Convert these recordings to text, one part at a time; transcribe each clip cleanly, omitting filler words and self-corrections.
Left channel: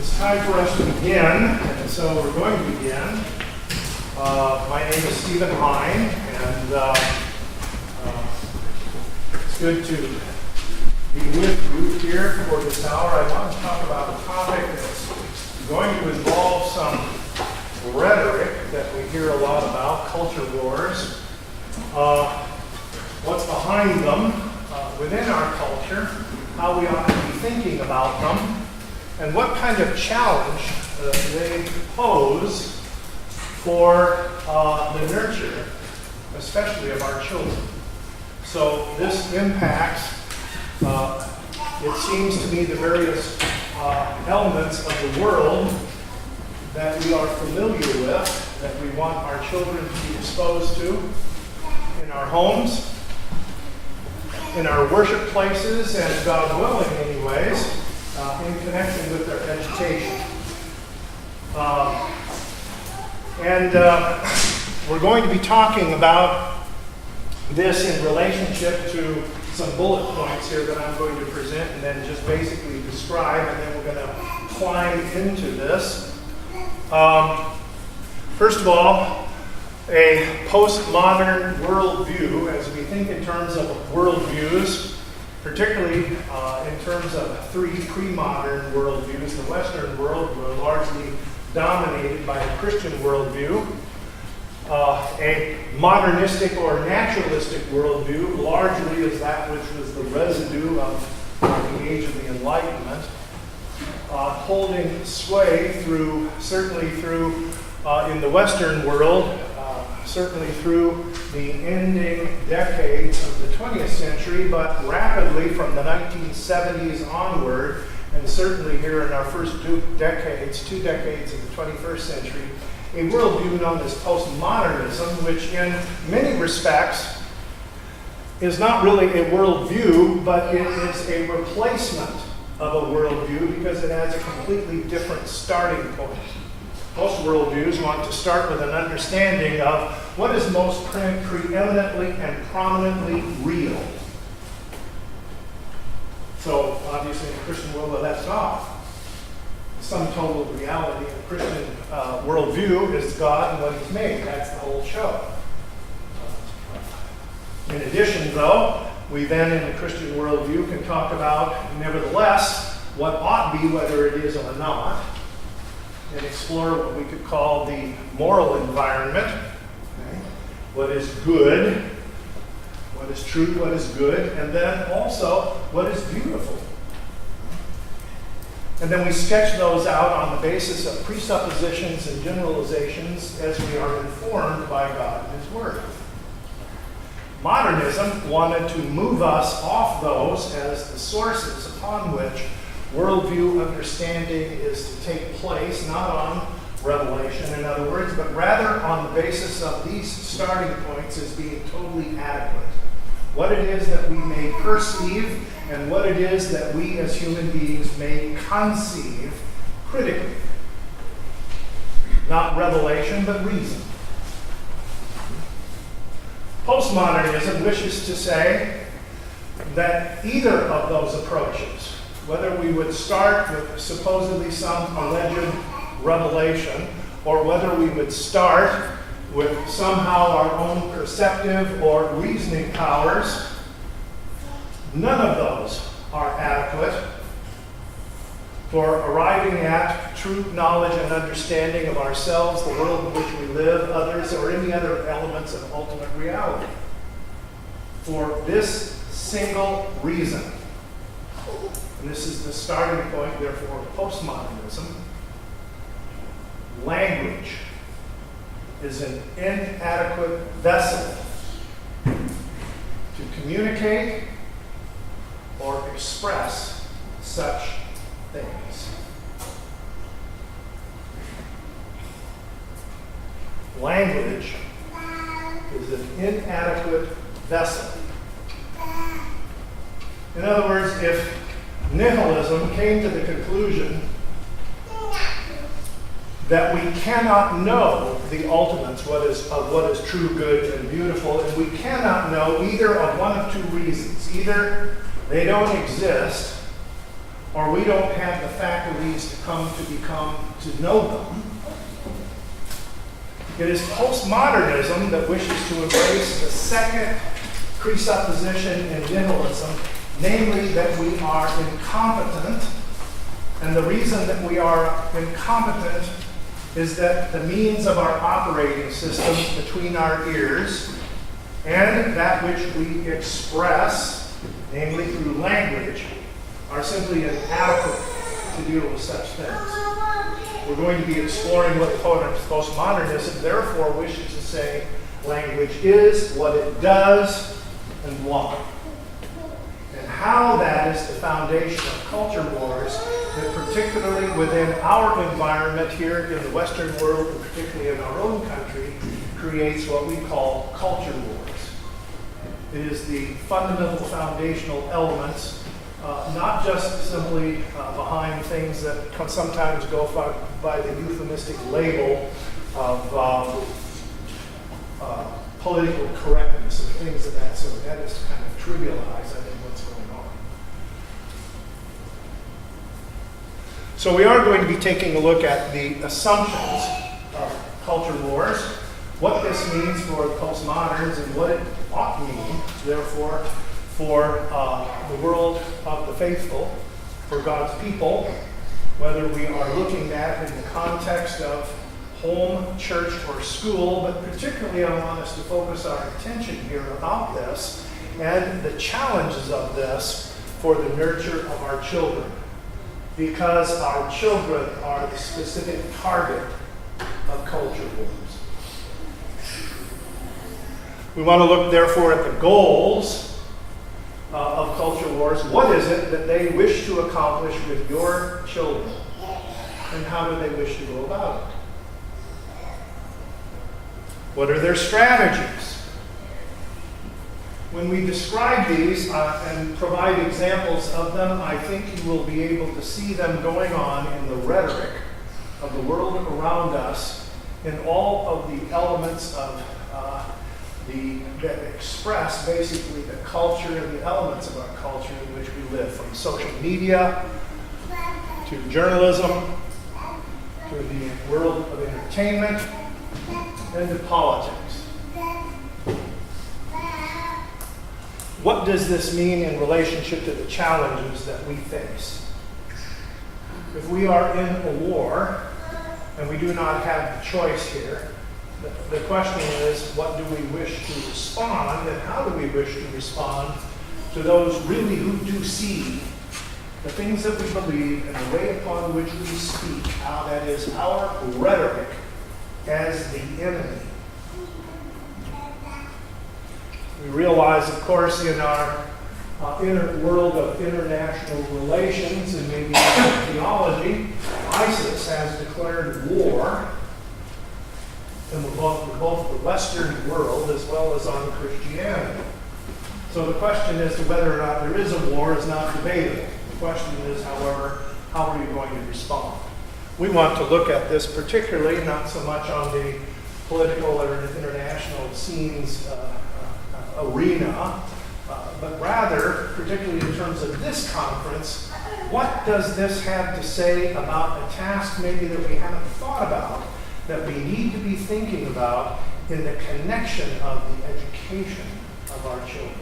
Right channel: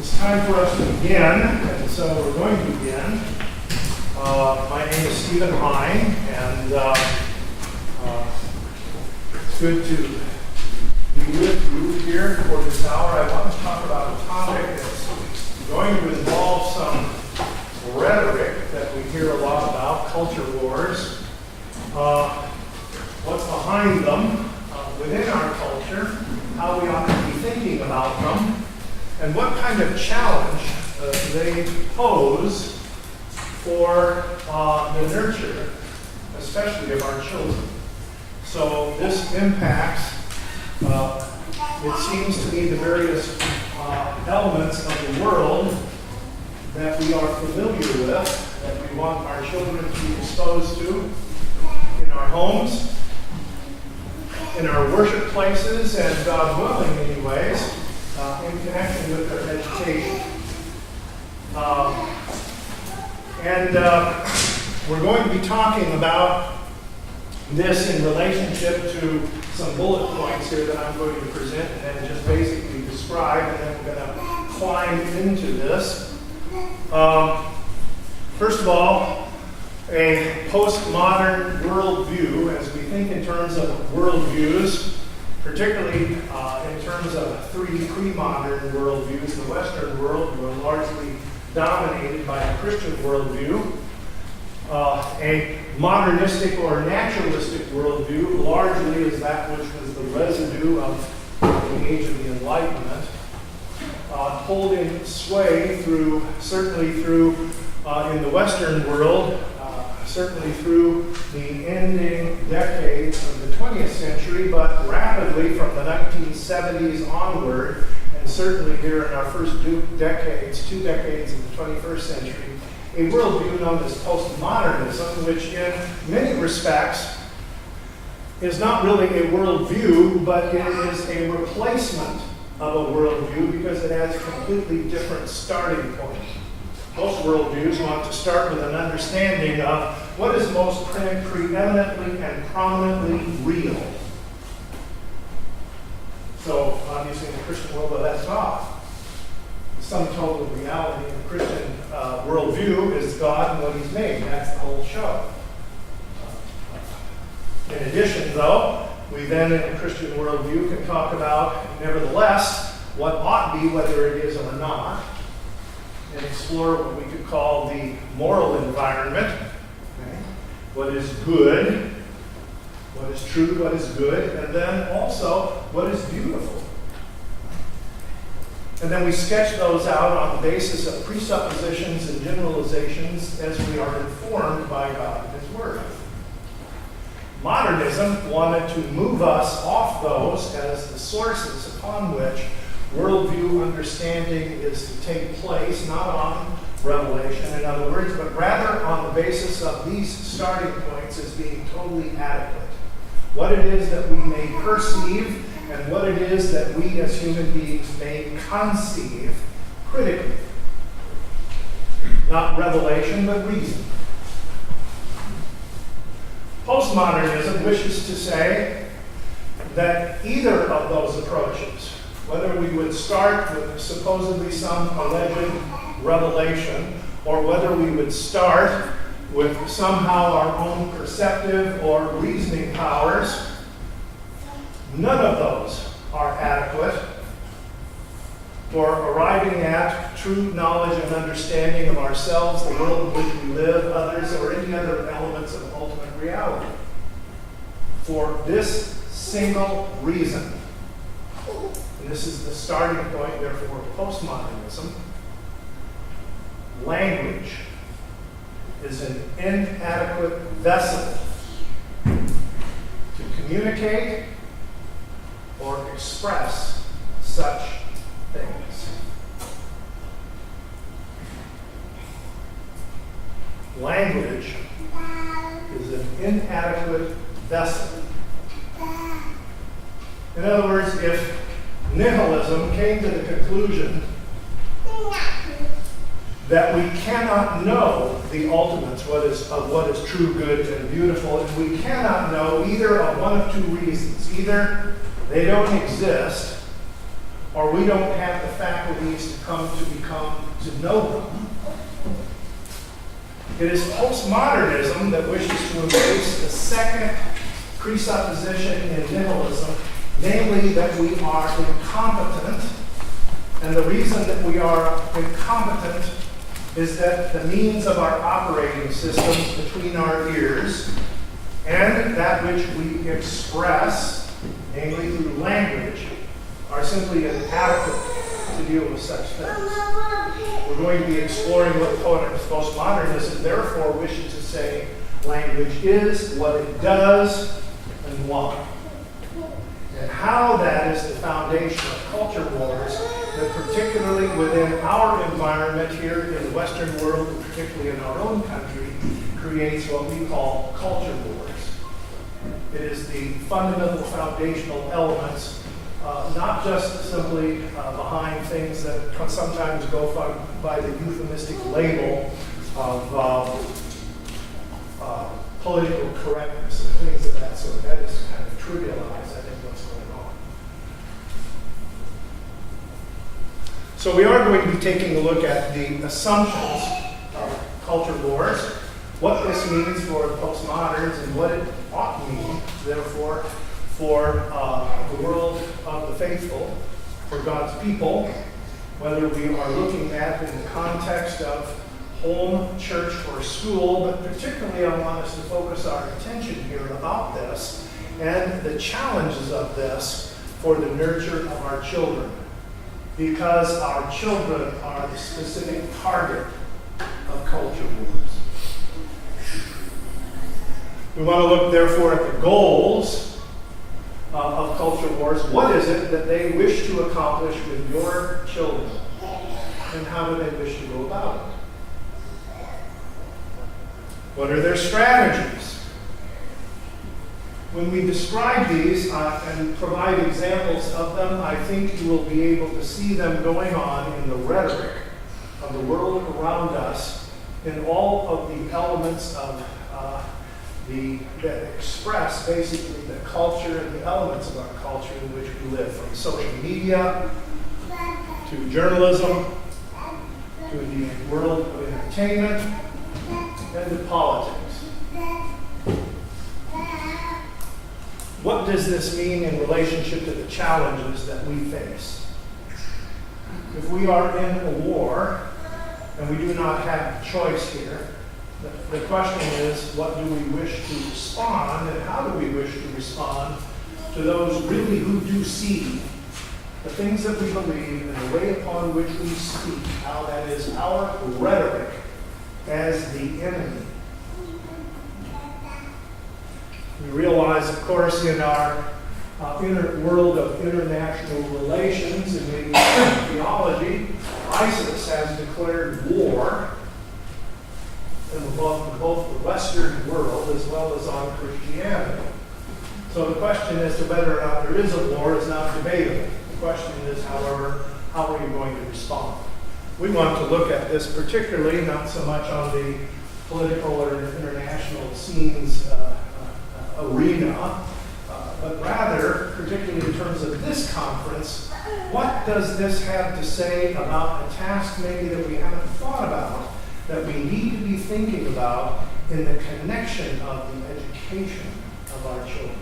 It's time for us to begin, and so we're going to begin. My name is Hein, and it's good to be with you here for this hour. I want to talk about a topic that's going to involve some rhetoric that we hear a lot about, culture wars. What's behind them within our culture, how we ought to be thinking about them, and what kind of challenge they pose for the nurture, especially of our children. So this impacts, it seems to me, the various elements of the world that we are familiar with, that we want our children to be exposed to in our homes, in our worship places, and God willing, anyways, in connection with their education. We're going to be talking about this in relationship to some bullet points here that I'm going to present and then just basically describe, and then we're going to climb into this. First of all, a postmodern worldview, as we think in terms of worldviews, particularly in terms of three pre-modern worldviews. The Western world were largely dominated by a Christian worldview. A modernistic or naturalistic worldview largely is that which was the residue of the age of the Enlightenment, holding sway certainly through in the Western world, certainly through the ending decades of the 20th century, but rapidly from the 1970s onward, and certainly here in our first two decades of the 21st century, a worldview known as postmodernism, which in many respects is not really a worldview, but it is a replacement of a worldview because it has a completely different starting point. Most worldviews want to start with an understanding of what is most preeminently and prominently real. So, obviously, in the Christian world, well, that's God. The sum total of reality in the Christian worldview is God and what He's made. That's the whole show. In addition, though, we then, in the Christian worldview, can talk about, nevertheless, what ought to be, whether it is or not, and explore what we could call the moral environment. Okay? What is good, what is true, what is good, and then also what is beautiful. And then we sketch those out on the basis of presuppositions and generalizations as we are informed by God and His Word. Modernism wanted to move us off those as the sources upon which worldview understanding is to take place, not on revelation, in other words, but rather on the basis of these starting points as being totally adequate. What it is that we may perceive and what it is that we as human beings may conceive critically. Not revelation, but reason. Postmodernism wishes to say that either of those approaches, whether we would start with supposedly some alleged revelation, or whether we would start with somehow our own perceptive or reasoning powers, none of those are adequate for arriving at true knowledge and understanding of ourselves, the world in which we live, others, or any other elements of ultimate reality. For this single reason, and this is the starting point, therefore, of postmodernism, language is an inadequate vessel to communicate or express such things. Language is an inadequate vessel. In other words, if nihilism came to the conclusion that we cannot know the ultimates, what is true, good, and beautiful, and we cannot know either of one of two reasons. Either they don't exist, or we don't have the faculties to know them. It is postmodernism that wishes to embrace the second presupposition in nihilism, namely that we are incompetent. And the reason that we are incompetent is that the means of our operating systems between our ears and that which we express, namely through language, are simply inadequate to deal with such things. We're going to be exploring what postmodernism therefore wishes to say language is, what it does, and why. And how that is the foundation of culture wars that particularly within our environment here in the Western world, and particularly in our own country, creates what we call culture wars. It is the fundamental foundational elements, not just simply behind things that sometimes go by the euphemistic label of political correctness and things of that sort. That is kind of trivialized, I think, what's going on. So we are going to be taking a look at the assumptions of culture wars, what this means for postmoderns, and what it ought to mean, therefore, for the world of the faithful, for God's people, whether we are looking at in the context of home, church, or school, but particularly I want us to focus our attention here about this and the challenges of this for the nurture of our children, because our children are the specific target of culture wars. We want to look, therefore, at the goals of culture wars. What is it that they wish to accomplish with your children, and how do they wish to go about it? What are their strategies? When we describe these and provide examples of them, I think you will be able to see them going on in the rhetoric of the world around us, in all of the elements of that express basically the culture and the elements of our culture in which we live, from social media to journalism to the world of entertainment and to politics. What does this mean in relationship to the challenges that we face? If we are in a war and we do not have choice here, the question is, what do we wish to respond, and how do we wish to respond to those really who do see the things that we believe and the way upon which we speak, how that is our rhetoric as the enemy. We realize, of course, in our world of international relations and maybe theology, ISIS has declared war in both the Western world as well as on Christianity. So the question as to whether or not there is a war is not debatable. The question is, however, how are you going to respond? We want to look at this particularly, not so much on the political or international scenes arena, but rather, particularly in terms of this conference, what does this have to say about a task maybe that we haven't thought about, that we need to be thinking about in the connection of the education of our children?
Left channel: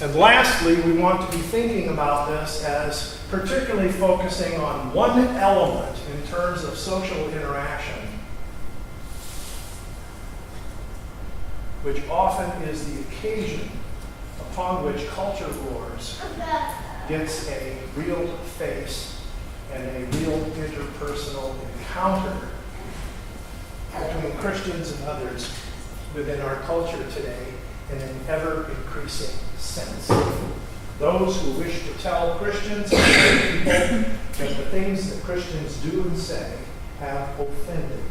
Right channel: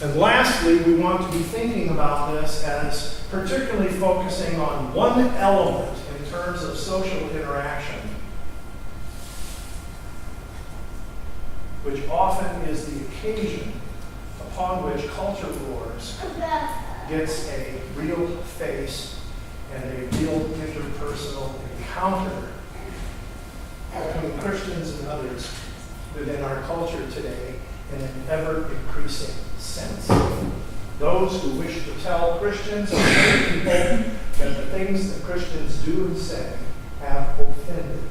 And lastly, we want to be thinking about this as particularly focusing on one element in terms of social interaction, which often is the occasion upon which culture wars gets a real face and a real interpersonal encounter between Christians and others within our culture today in an ever-increasing sense. Those who wish to tell Christians and other people that the things that Christians do and say have offended them.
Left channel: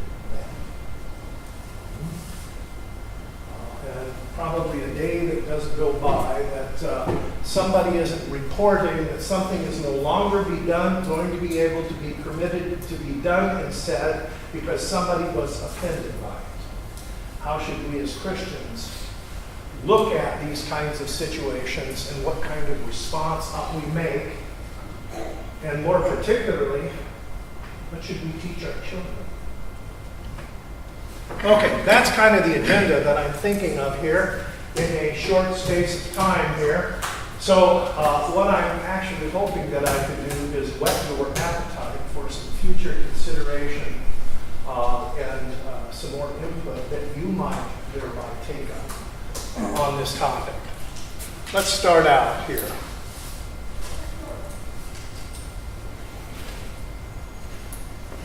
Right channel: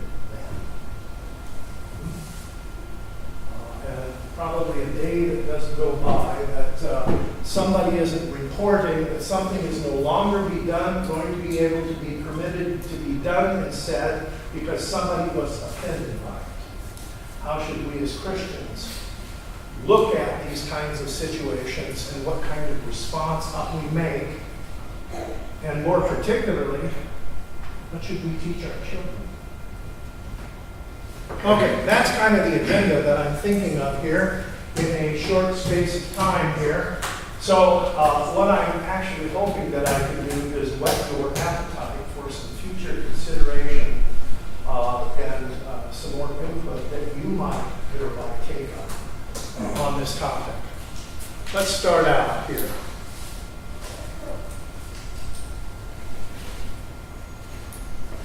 And probably a day that doesn't go by that somebody isn't reporting that something is no longer going to be able to be permitted to be done and said because somebody was offended by it. How should we as Christians look at these kinds of situations and what kind of response we make, and more particularly, what should we teach our children? Okay, that's kind of the agenda that I'm thinking of here in a short space of time here. So what I'm actually hoping that I can do is whet your appetite for some future consideration and some more input that you might thereby take up on this topic. Let's start out here.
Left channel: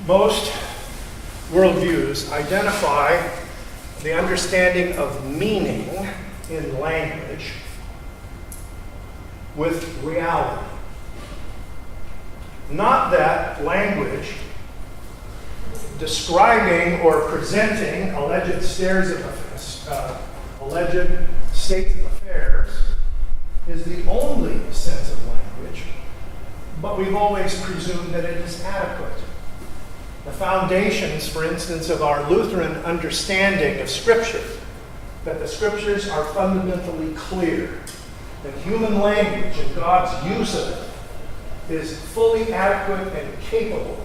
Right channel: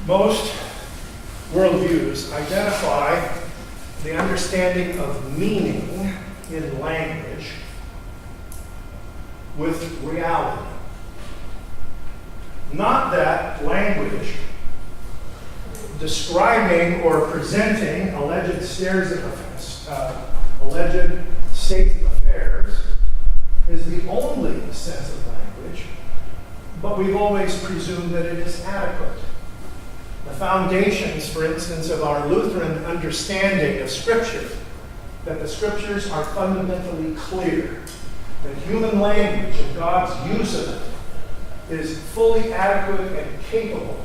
Most worldviews identify the understanding of meaning in language with reality. Not that language describing or presenting alleged states of affairs is the only sense of language, but we've always presumed that it is adequate. The foundations, for instance, of our Lutheran understanding of Scripture, that the Scriptures are fundamentally clear, that human language and God's use of it is fully adequate and capable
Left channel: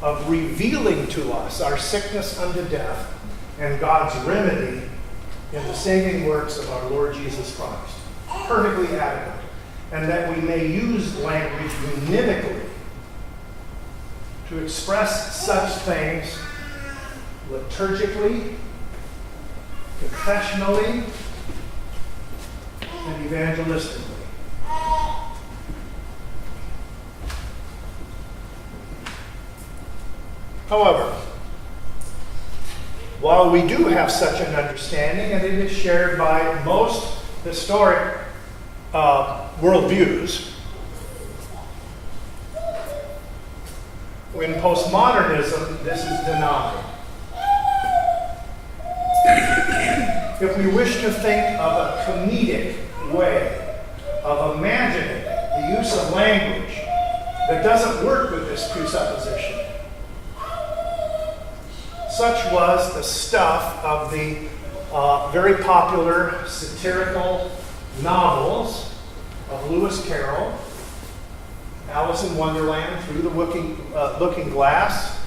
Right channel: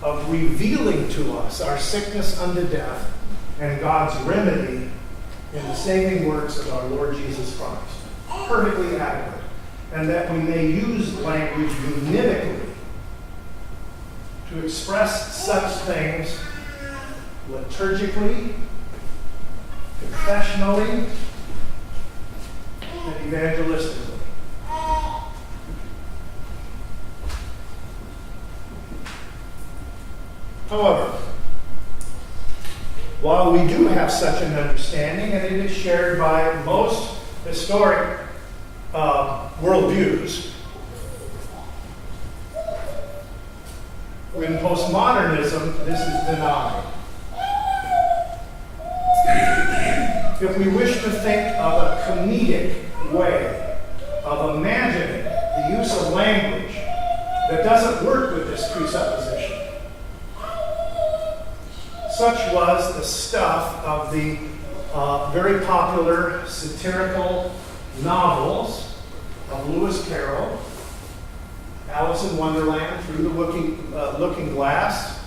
of revealing to us our sickness unto death and God's remedy in the saving works of our Lord Jesus Christ. Perfectly adequate. And that we may use language univocally to express such things liturgically, confessionally, and evangelistically. However, while we do have such an understanding, and it is shared by most historic worldviews, in postmodernism, this is denied. If we wish to think of a comedic way of imagining the use of language that doesn't work with this presupposition, such was the stuff of the very popular satirical novels of Lewis Carroll, Alice in Wonderland, Through the Looking Glass,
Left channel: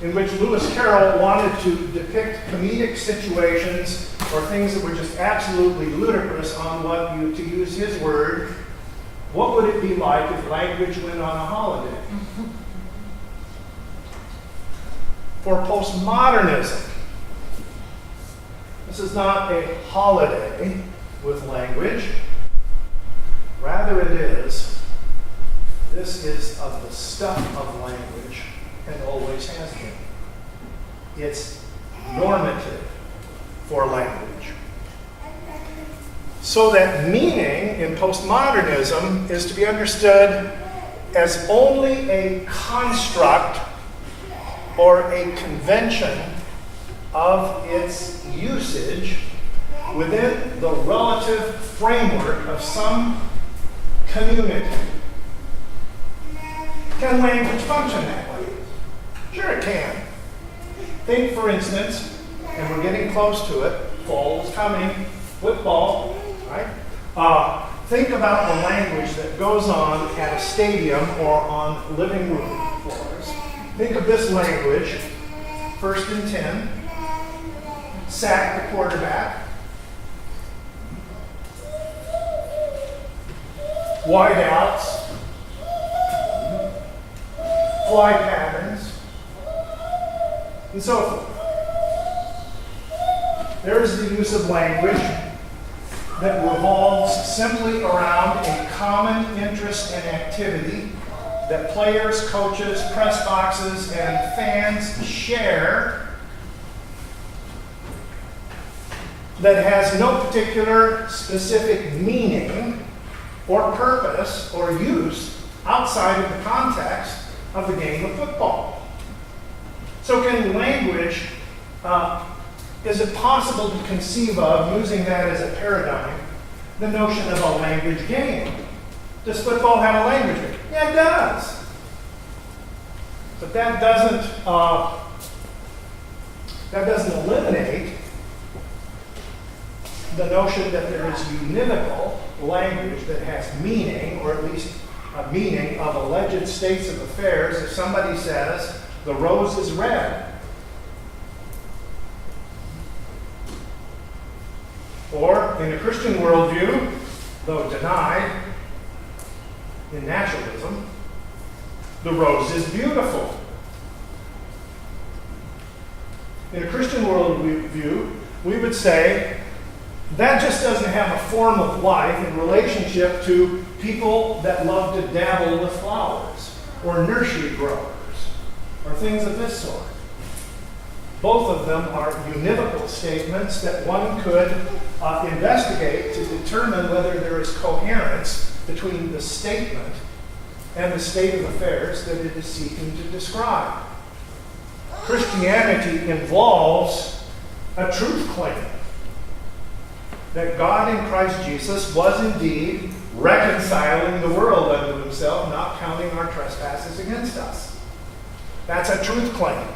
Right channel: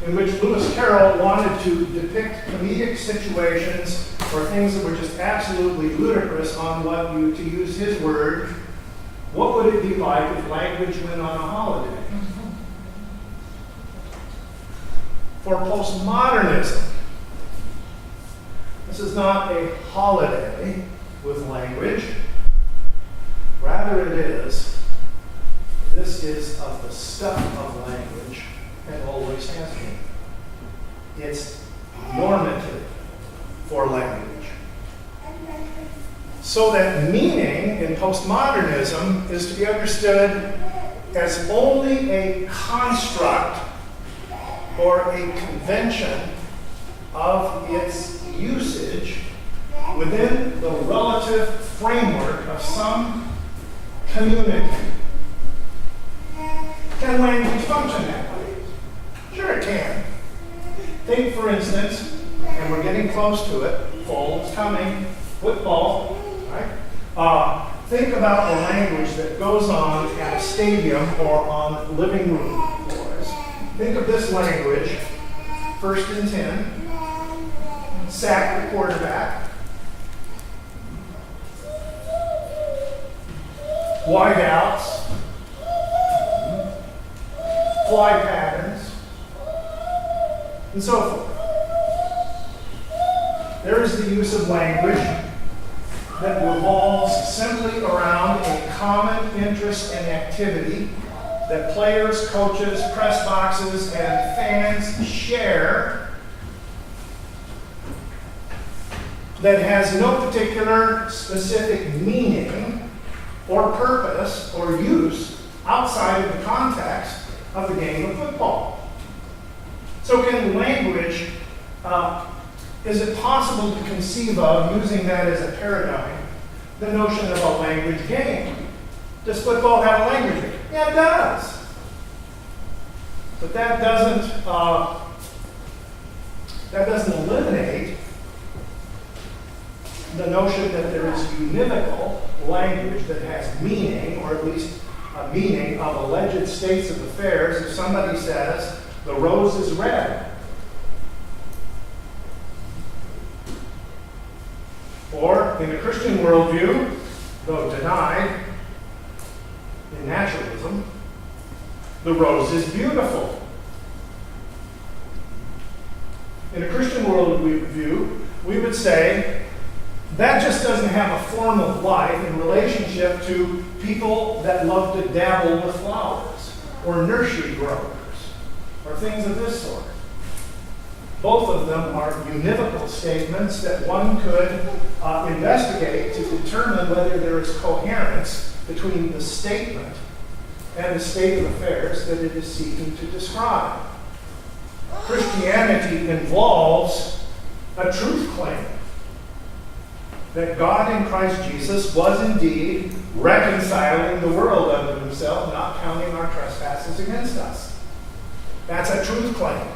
in which Lewis Carroll wanted to depict comedic situations or things that were just absolutely ludicrous on what, to use his word, what would it be like if language went on a holiday? For postmodernism, this is not a holiday with language. Rather this is of the stuff of language and always has been. It's normative for language. So that meaning in postmodernism is to be understood as only a construct or a convention of its usage within the relative framework of some community. Can language function that way? Sure it can. Think, for instance, and we're getting close to it, fall's coming, football, right? Think about the language that goes on at a stadium or on living room floors. Think of this language, 1st and 10, sack the quarterback, wide outs, fly patterns, and so forth. There is the use of language that revolves simply around a common interest and activity that players, coaches, press boxes, and fans share that has no particular specific meaning or purpose or use outside of the context of the game of football. So can language, is it possible to conceive of, using that as a paradigm, the notion of a language game? Does football have a language game? Yeah, it does. But that doesn't eliminate the notion that there is univocal language that has meaning, or at least a meaning of alleged states of affairs. If somebody says, the rose is red, or in a Christian worldview, though denied in naturalism, the rose is beautiful. In a Christian worldview, we would say that just doesn't have a form of life in relationship to people that love to dabble with flowers, or nursery growers, or things of this sort. Both of them are univocal statements that one could investigate to determine whether there is coherence between the statement and the state of affairs that it is seeking to describe. Christianity involves a truth claim that God in Christ Jesus was indeed reconciling the world unto himself, not counting our trespasses against us. That's a truth claim.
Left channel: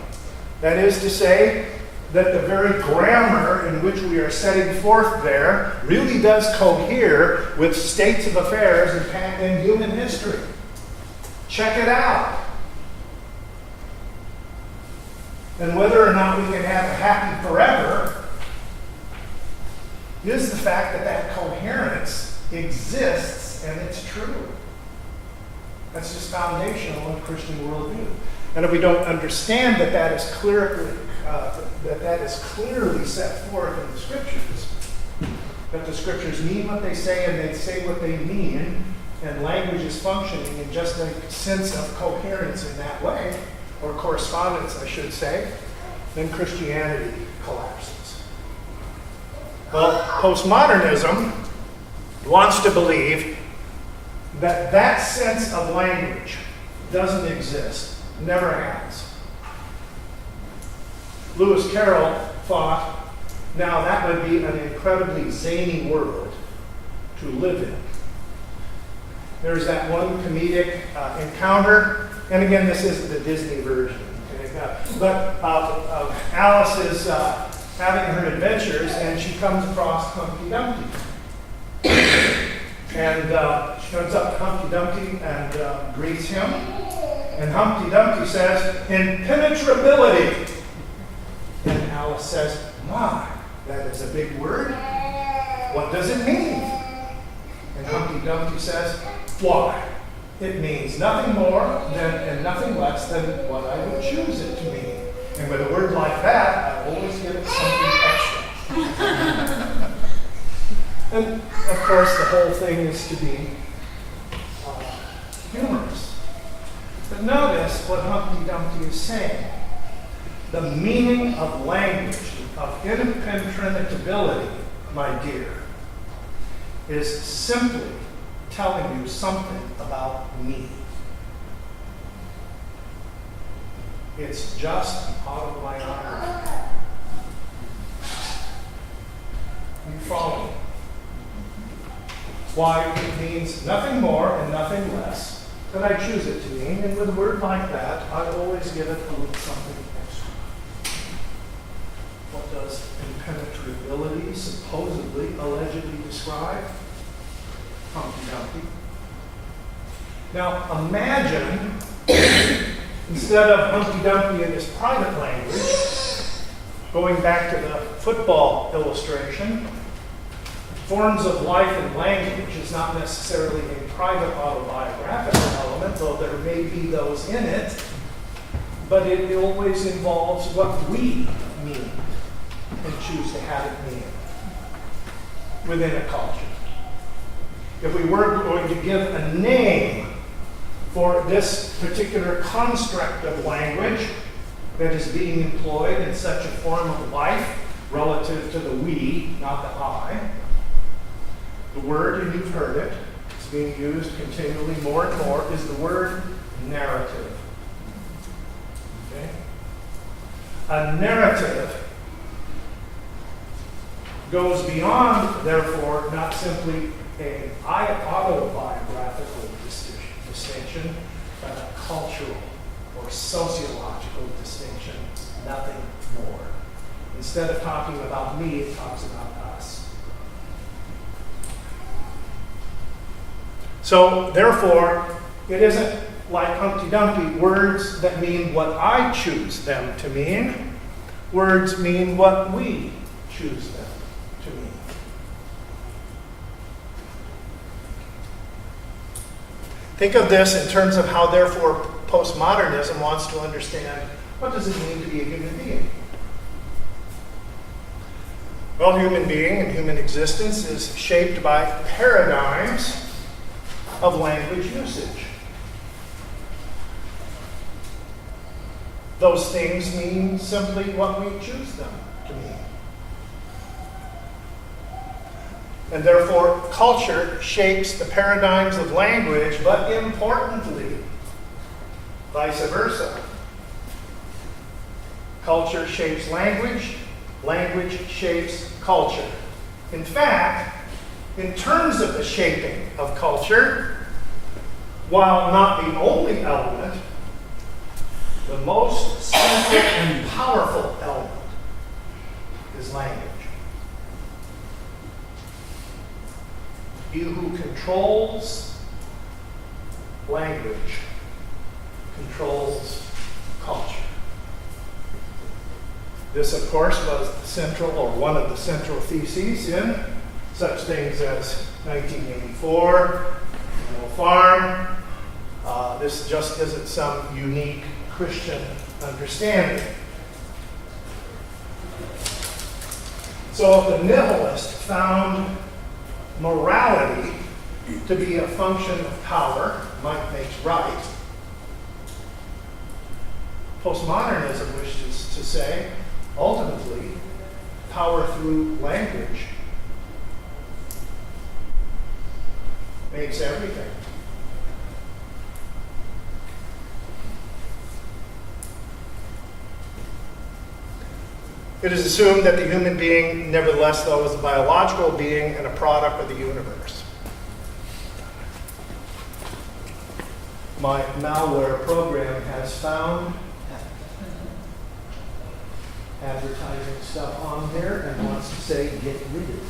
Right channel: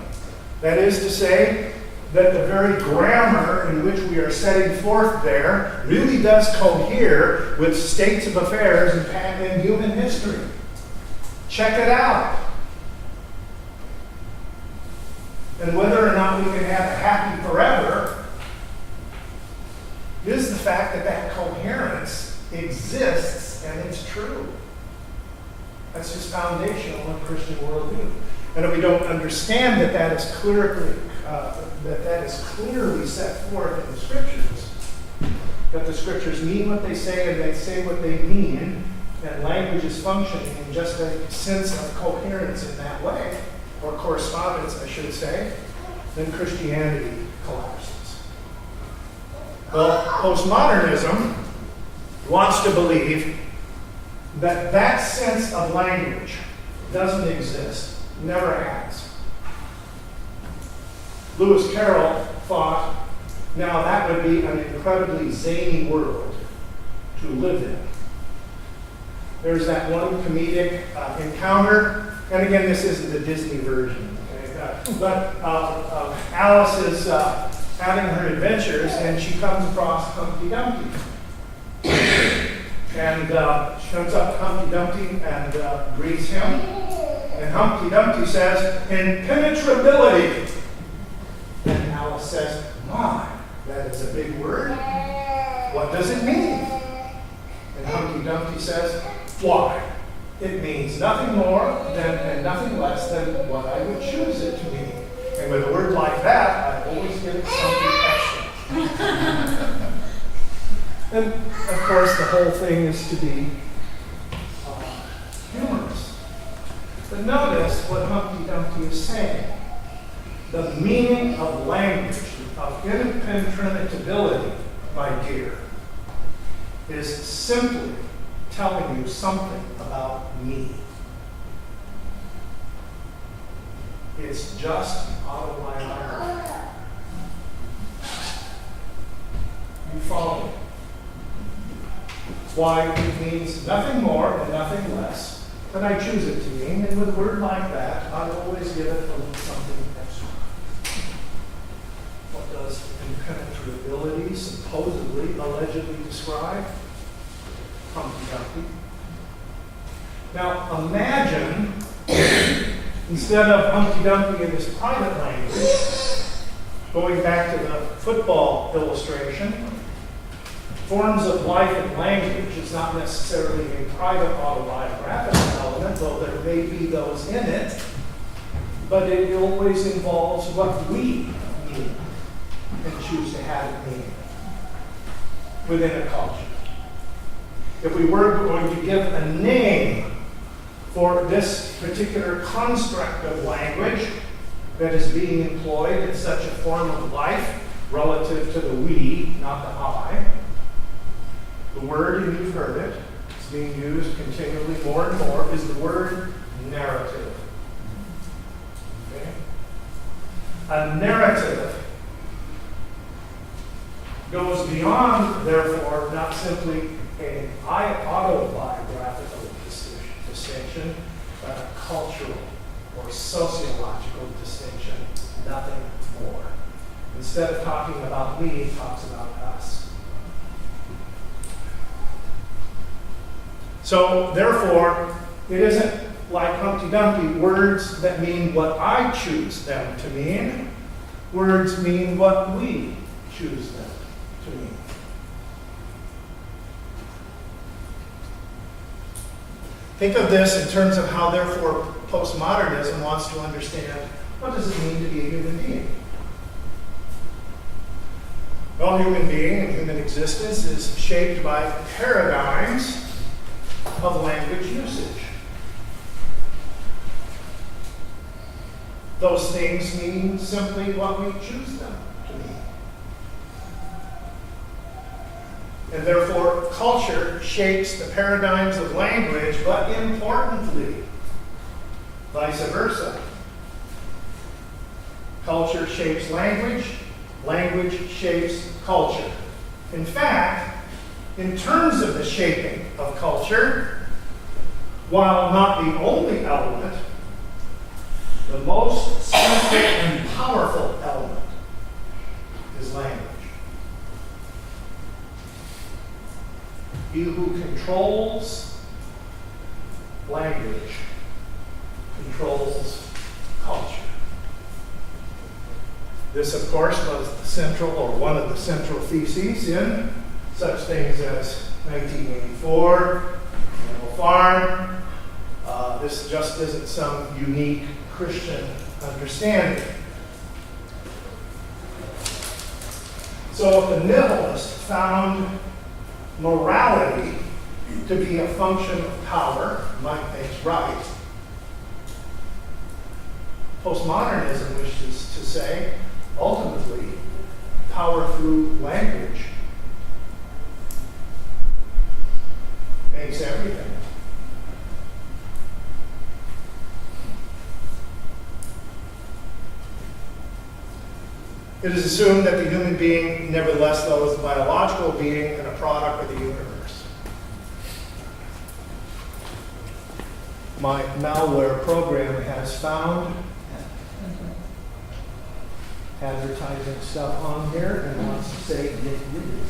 That is to say that the very grammar in which we are setting forth there really does cohere with states of affairs in human history. Check it out. And whether or not we can have a happy forever is the fact that that coherence exists and it's true. That's just foundational in Christian worldview. And if we don't understand that that is clearly set forth in the Scriptures, that the Scriptures mean what they say and they say what they mean, and language is functioning in just a sense of coherence in that way, or correspondence, I should say, then Christianity collapses. Well, postmodernism wants to believe that that sense of language doesn't exist, never has. Lewis Carroll thought, now that would be an incredibly zany world to live in. There's that one comedic encounter, and again, this isn't the Disney version, okay? But Alice is having her adventures, and she comes across Humpty Dumpty. And she comes up to Humpty Dumpty and greets him. And Humpty Dumpty says, impenetrability. And Alice says, my, that is a big word. What does it mean? And Humpty Dumpty says, why? It means nothing more than and nothing less than what I would choose it to mean. And with a word like that, I always give it something extra. And of course, the whole thing is to be humorous. But notice what Humpty Dumpty is saying. The meaning of language, of impenetrability, my dear, is simply telling you something about me. It's just autobiography. You follow me? Why, it means nothing more and nothing less than I choose it to mean, and with a word like that, I always give it a little something extra. What does impenetrability supposedly, allegedly describe? Humpty Dumpty. Now imagine, instead of Humpty Dumpty in his private language, going back to the football illustration, forms of life and language is not necessarily a private autobiographical element, though there may be those in it, but it always involves what we mean and choose to have it mean within a culture. If we were going to give a name for this particular construct of language that is being employed in such a form of life relative to the we, not the I, the word, and you've heard it, it's being used continually more and more, is the word narrative. Okay? A narrative goes beyond, therefore, not simply an autobiographical distinction, but a cultural or sociological distinction, nothing more. Instead of talking about me, it talks about us. So, therefore, it isn't like Humpty Dumpty, words that mean what I choose them to mean. Words mean what we choose them to mean. Think of this in terms of how, therefore, postmodernism wants to understand what does it mean to be a human being. Well, human being and human existence is shaped by paradigms of language usage. Those things mean simply what we choose them to mean. And therefore, culture shapes the paradigms of language, but importantly, vice versa. Culture shapes language, language shapes culture. In fact, in terms of the shaping of culture, while not the only element, the most central and powerful element is language. He who controls language controls culture. This, of course, was the central, or one of the central theses in such things as 1984, Animal Farm. This just isn't some unique Christian understanding. So if the nihilist found morality to be a function of power, might makes right, postmodernism wishes to say, ultimately, power through language makes everything. It is assumed that the human being, nevertheless, though, is a biological being and a product of the universe. My malware program has found advertising stuff on here and wants to say, get rid of it.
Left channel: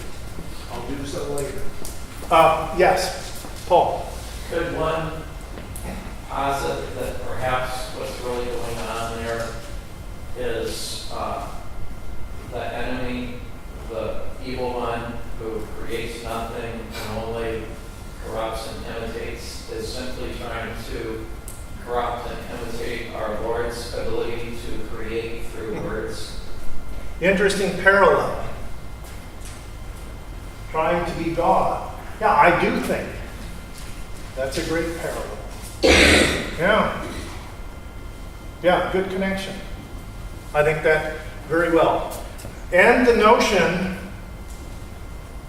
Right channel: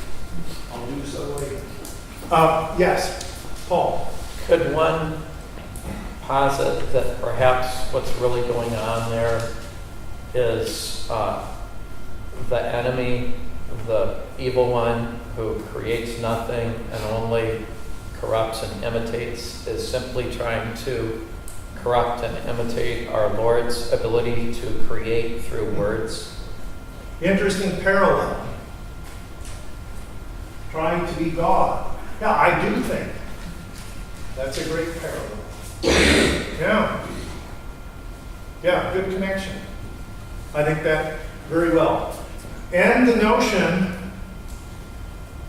I'll do so later. Yes, Paul. Could one posit that perhaps what's really going on there is the enemy, the evil one who creates nothing and only corrupts and imitates, is simply trying to corrupt and imitate our Lord's ability to create through words? Interesting parallel. Trying to be God. Yeah, I do think that's a great parallel. Yeah. Yeah, good connection. I think that very well. And the notion,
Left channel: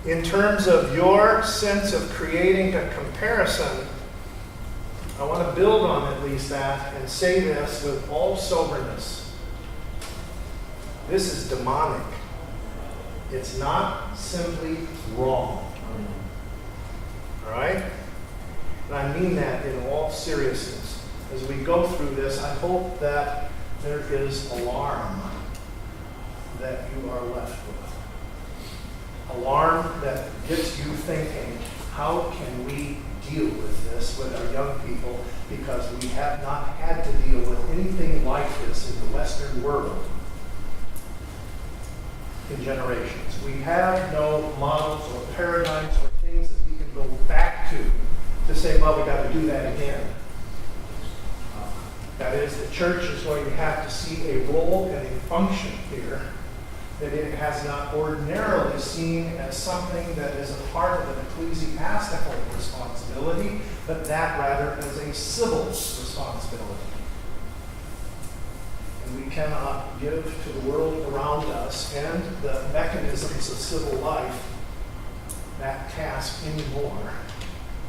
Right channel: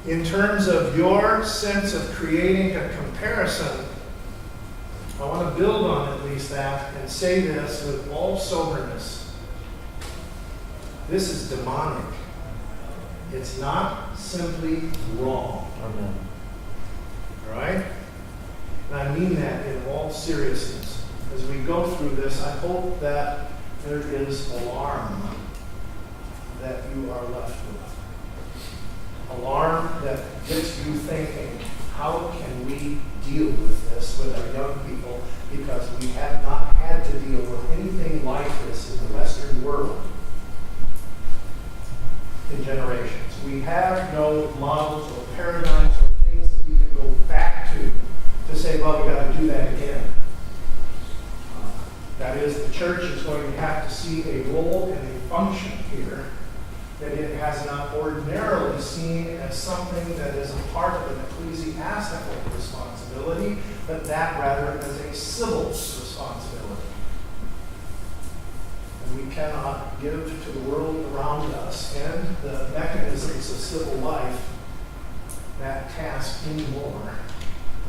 in terms of your sense of creating a comparison, I want to build on at least that and say this with all soberness. This is demonic. It's not simply wrong. All right? And I mean that in all seriousness. As we go through this, I hope that there is alarm that you are left with. Alarm that gets you thinking, how can we deal with this with our young people? Because we have not had to deal with anything like this in the Western world in generations. We have no models or paradigms or things that we can go back to say, well, we got to do that again. That is, the church is going to have to see a role and a function here that it has not ordinarily seen as something that is a part of an ecclesiastical responsibility, but that rather as a civil responsibility. And we cannot give to the world around us and the mechanisms of civil life that task anymore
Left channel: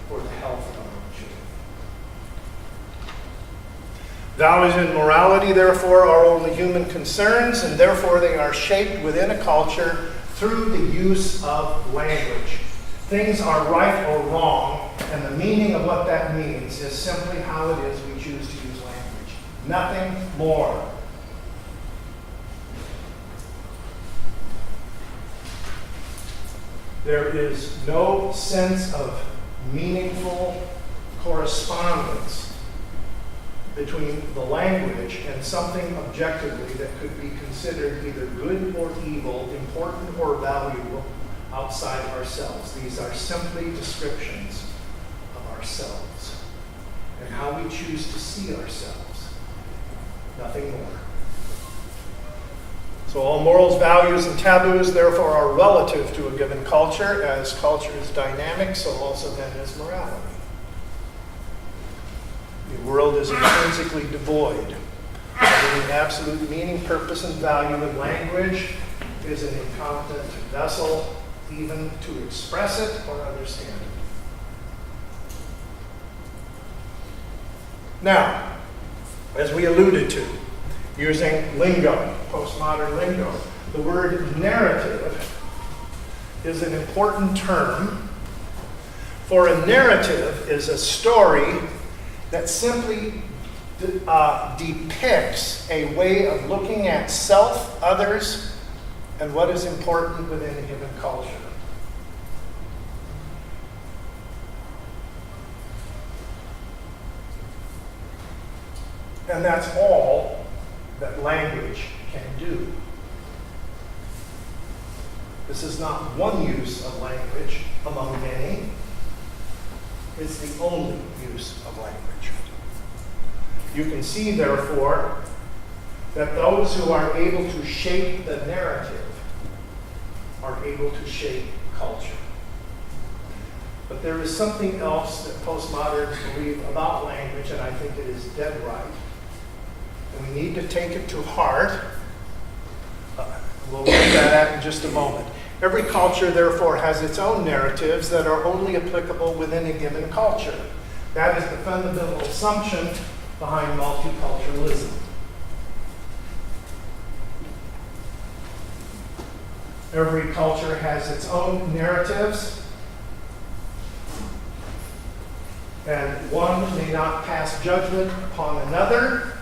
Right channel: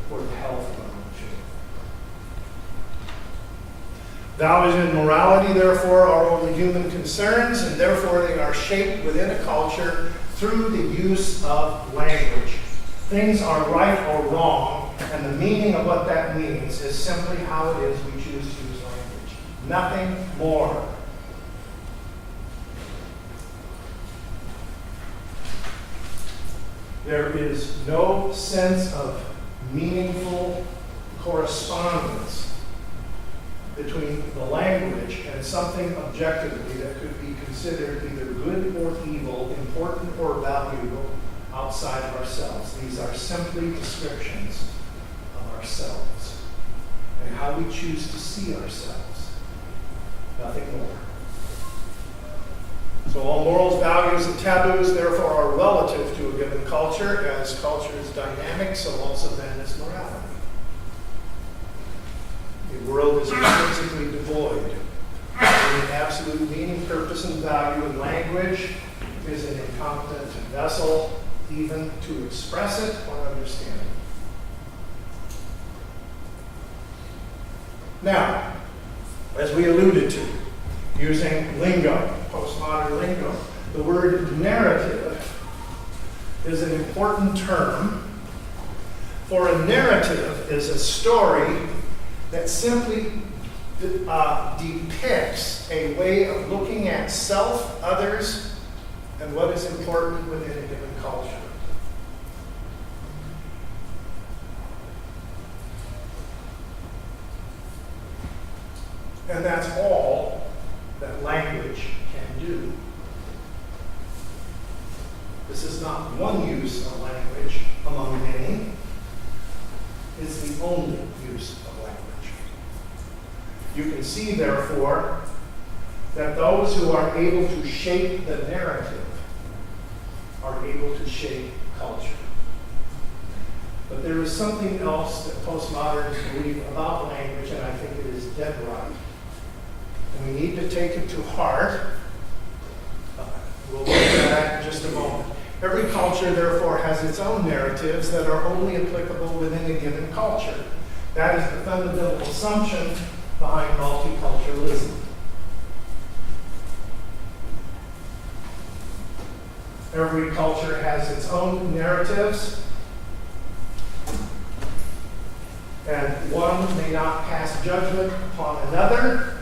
for the health of our children. Values and morality, therefore, are only human concerns, and therefore they are shaped within a culture through the use of language. Things are right or wrong, and the meaning of what that means is simply how it is we choose to use language. Nothing more. There is no sense of meaningful correspondence between the language and something objectively that could be considered either good or evil, important or valuable outside of ourselves. These are simply descriptions of ourselves and how we choose to see ourselves. Nothing more. So all morals, values, and taboos, therefore, are relative to a given culture. As culture is dynamic, so also then is morality. The world is intrinsically devoid of any absolute meaning, purpose, and value, and language is an incompetent vessel even to express it or understand it. Now, as we alluded to, using lingo, postmodern lingo, the word narrative is an important term, for a narrative is a story that simply depicts a way of looking at self, others, and what is important within a given culture. And that's all that language can do. This is not one use of language among many. It's the only use of language. You can see, therefore, that those who are able to shape the narrative are able to shape culture. But there is something else that postmoderns believe about language, and I think it is dead right. And we need to take it to heart. We'll look at that in just a moment. Every culture, therefore, has its own narratives that are only applicable within a given culture. That is the fundamental assumption behind multiculturalism. Every culture has its own narratives, and one may not pass judgment upon another,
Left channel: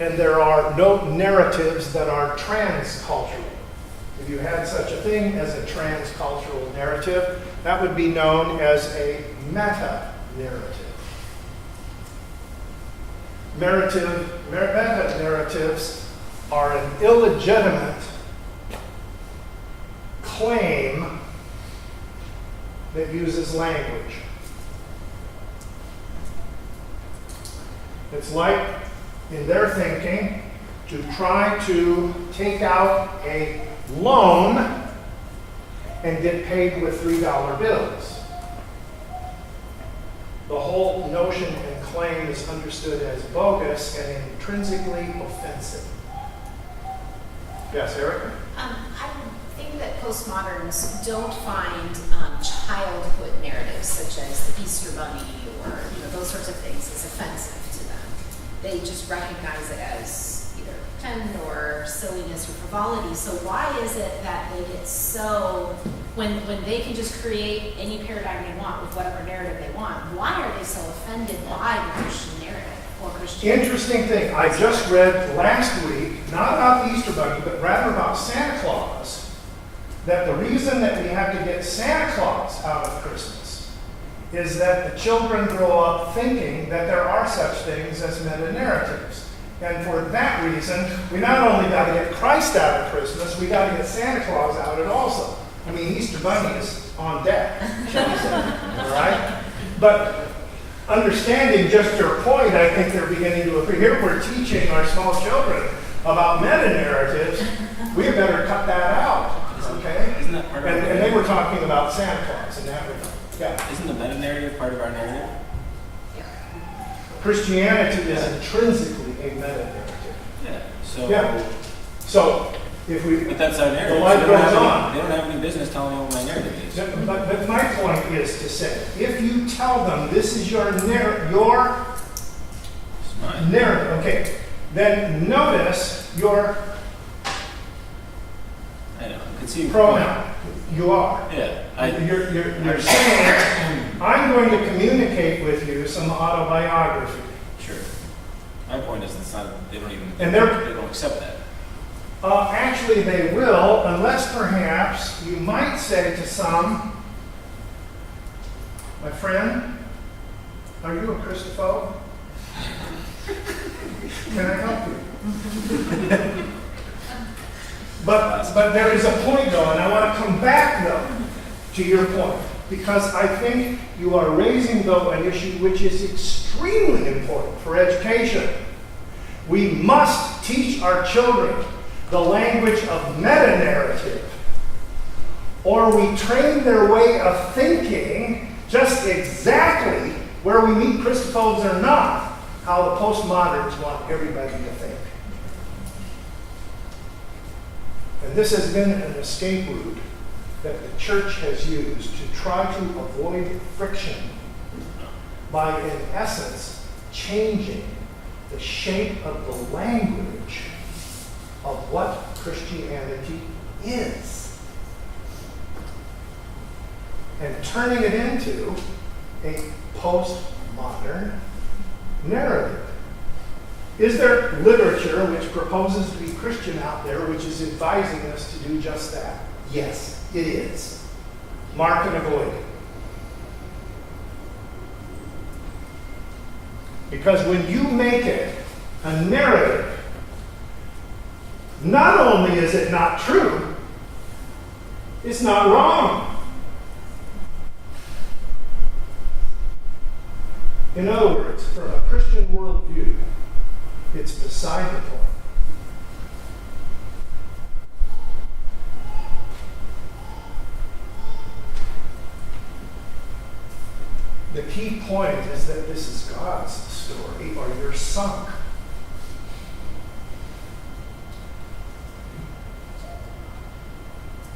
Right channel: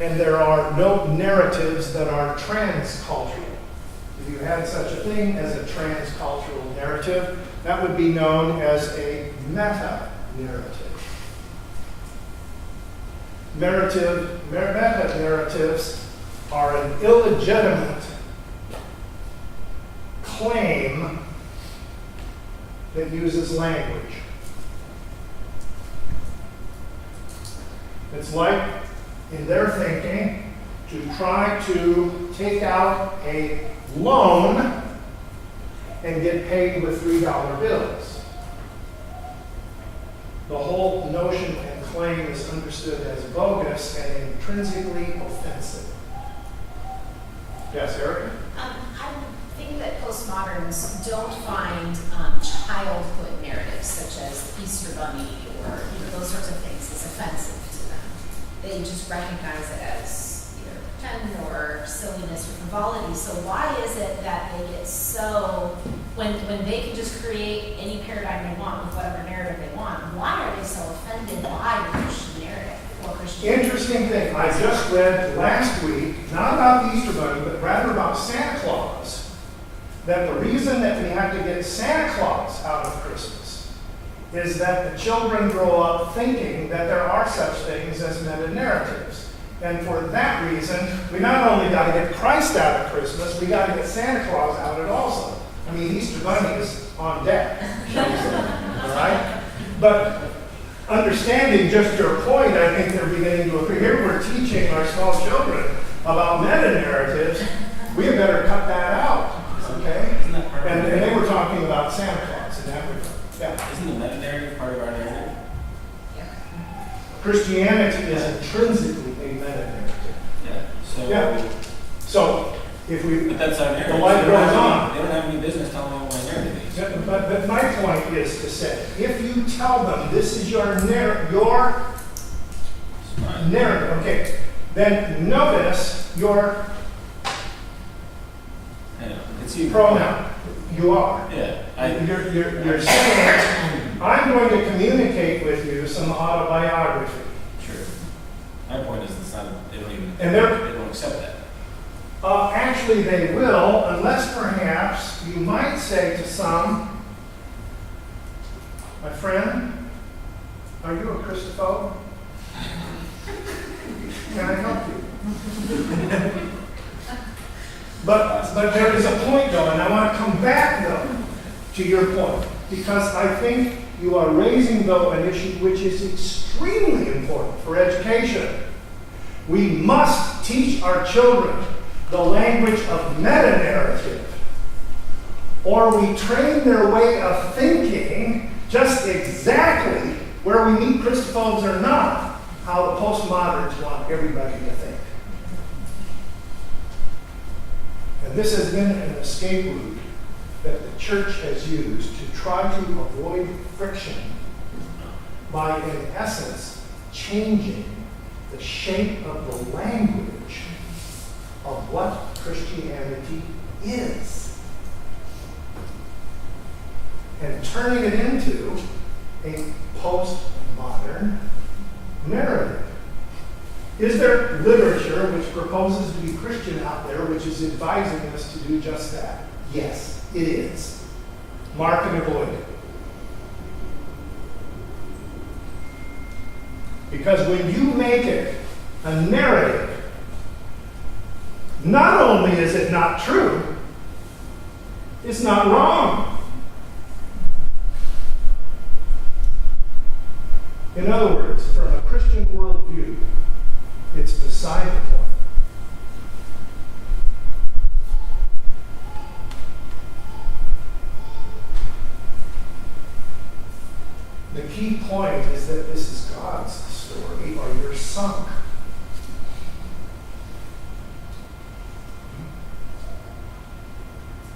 and there are no narratives that are transcultural. If you had such a thing as a transcultural narrative, that would be known as a meta-narrative. Meta-narratives are an illegitimate claim that uses language. It's like, in their thinking, to try to take out a loan and get paid with $3 bills. The whole notion and claim is understood as bogus and intrinsically offensive. Yes, Erica? I'm thinking that postmoderns don't find childhood narratives such as the Easter Bunny or those sorts of things as offensive to them. They just recognize it as either pretend or silliness or frivolity. So why is it that they get so, when they can just create any paradigm they want with whatever narrative they want, why are they so offended by the Christian narrative or Christian? Interesting thing. I just read last week, not about the Easter Bunny, but rather about Santa Claus, that the reason that we have to get Santa Claus out of Christmas is that the children grow up thinking that there are such things as meta-narratives. And for that reason, we not only got to get Christ out of Christmas, we got to get Santa Claus out of it also. I mean, Easter Bunny is on deck, shall we say, all right? But understanding just your point, I think they're beginning to agree. Here we're teaching our small children about meta-narratives. We had better cut that out, okay? Isn't that part of And they were talking about Santa Claus in that regard. Yeah. Isn't the meta-narrative part of our narrative? Christianity is intrinsically a meta-narrative. Yeah. So. Yeah. So, if we... But that's our narrative. The light So they don't goes have on. They don't have any business telling me what my narrative is. But my point is to say, if you tell them this is your narrative, okay, then notice your I know. I can see your pronoun. You are. point. Yeah. You're saying, I'm going to communicate with you some autobiography. Sure. My point is, it's not. They don't even. And they don't accept that. Actually, they will, unless perhaps you might say to some, My friend, are you a Christophobe? Can I help you? But there is a point, though, and I want to come back, though, to your point, because I think you are raising, though, an issue which is extremely important for education. We must teach our children the language of meta-narrative, or we train their way of thinking just exactly, where we meet Christophobes or not, how the postmoderns want everybody to think. And this has been an escape route that the church has used to try to avoid friction by, in essence, changing the shape of the language of what Christianity is and turning it into a postmodern narrative. Is there literature which proposes to be Christian out there which is advising us to do just that? Yes, it is. Mark and avoid it. Because when you make it a narrative, not only is it not true, it's not wrong. In other words, from a Christian worldview, it's beside the point. The key point is that this is God's story, or you're sunk.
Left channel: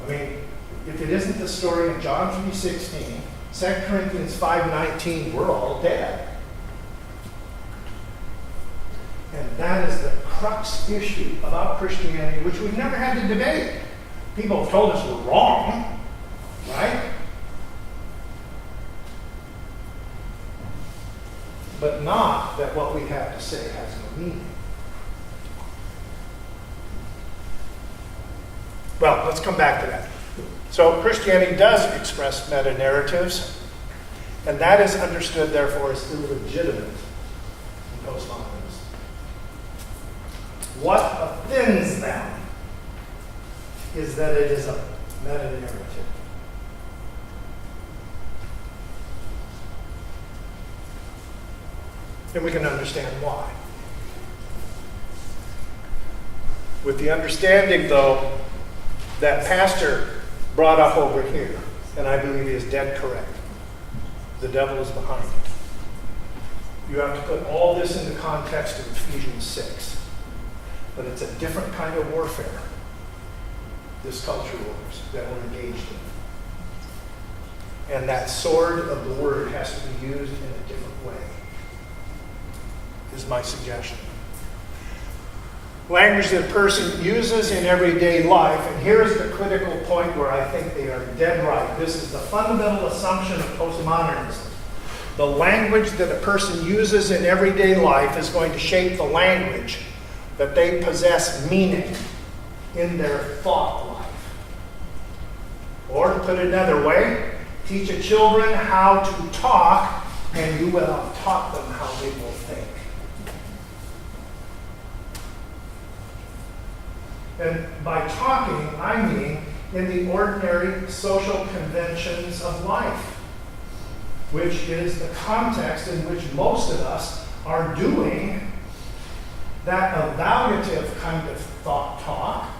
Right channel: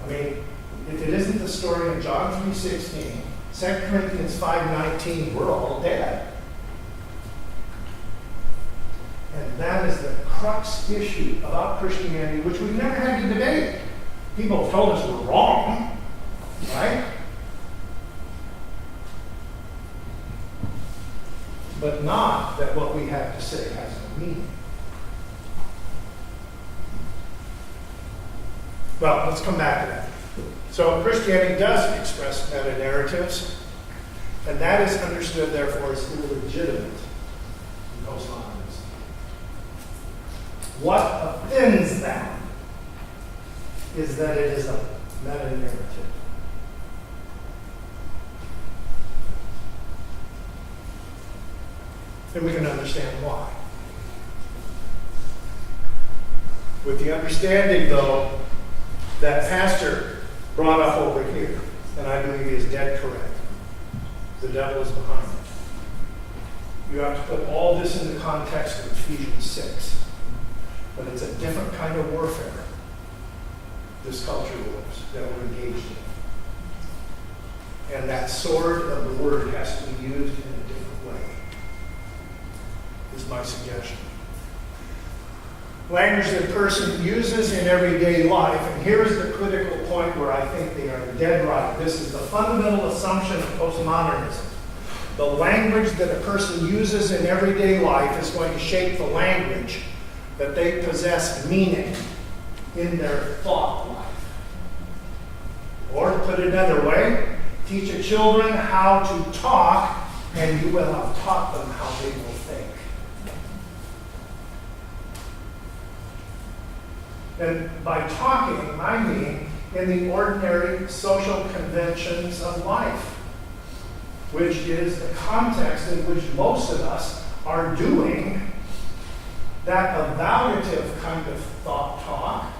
I mean, if it isn't the story in John 3:16, 2 Corinthians 5:19, we're all dead. And that is the crux issue about Christianity, which we've never had to debate. People have told us we're wrong, right? But not that what we have to say has no meaning. Well, let's come back to that. So Christianity does express meta-narratives, and that is understood, therefore, as illegitimate in postmodernism. What offends them is that it is a meta-narrative. And we can understand why. With the understanding, though, that pastor brought up over here, and I believe he is dead correct. The devil is behind it. You have to put all this in the context of Ephesians 6. But it's a different kind of warfare, this culture wars, that we're engaged in. And that sword of the word has to be used in a different way, is my suggestion. Language that a person uses in everyday life, and here's the critical point where I think they are dead right. This is the fundamental assumption of postmodernism. The language that a person uses in everyday life is going to shape the language that they possess meaning in their thought life. Or to put it another way, teach your children how to talk, and you will have taught them how they will think. And by talking, I mean in the ordinary social conventions of life, which is the context in which most of us are doing that evaluative kind of thought talk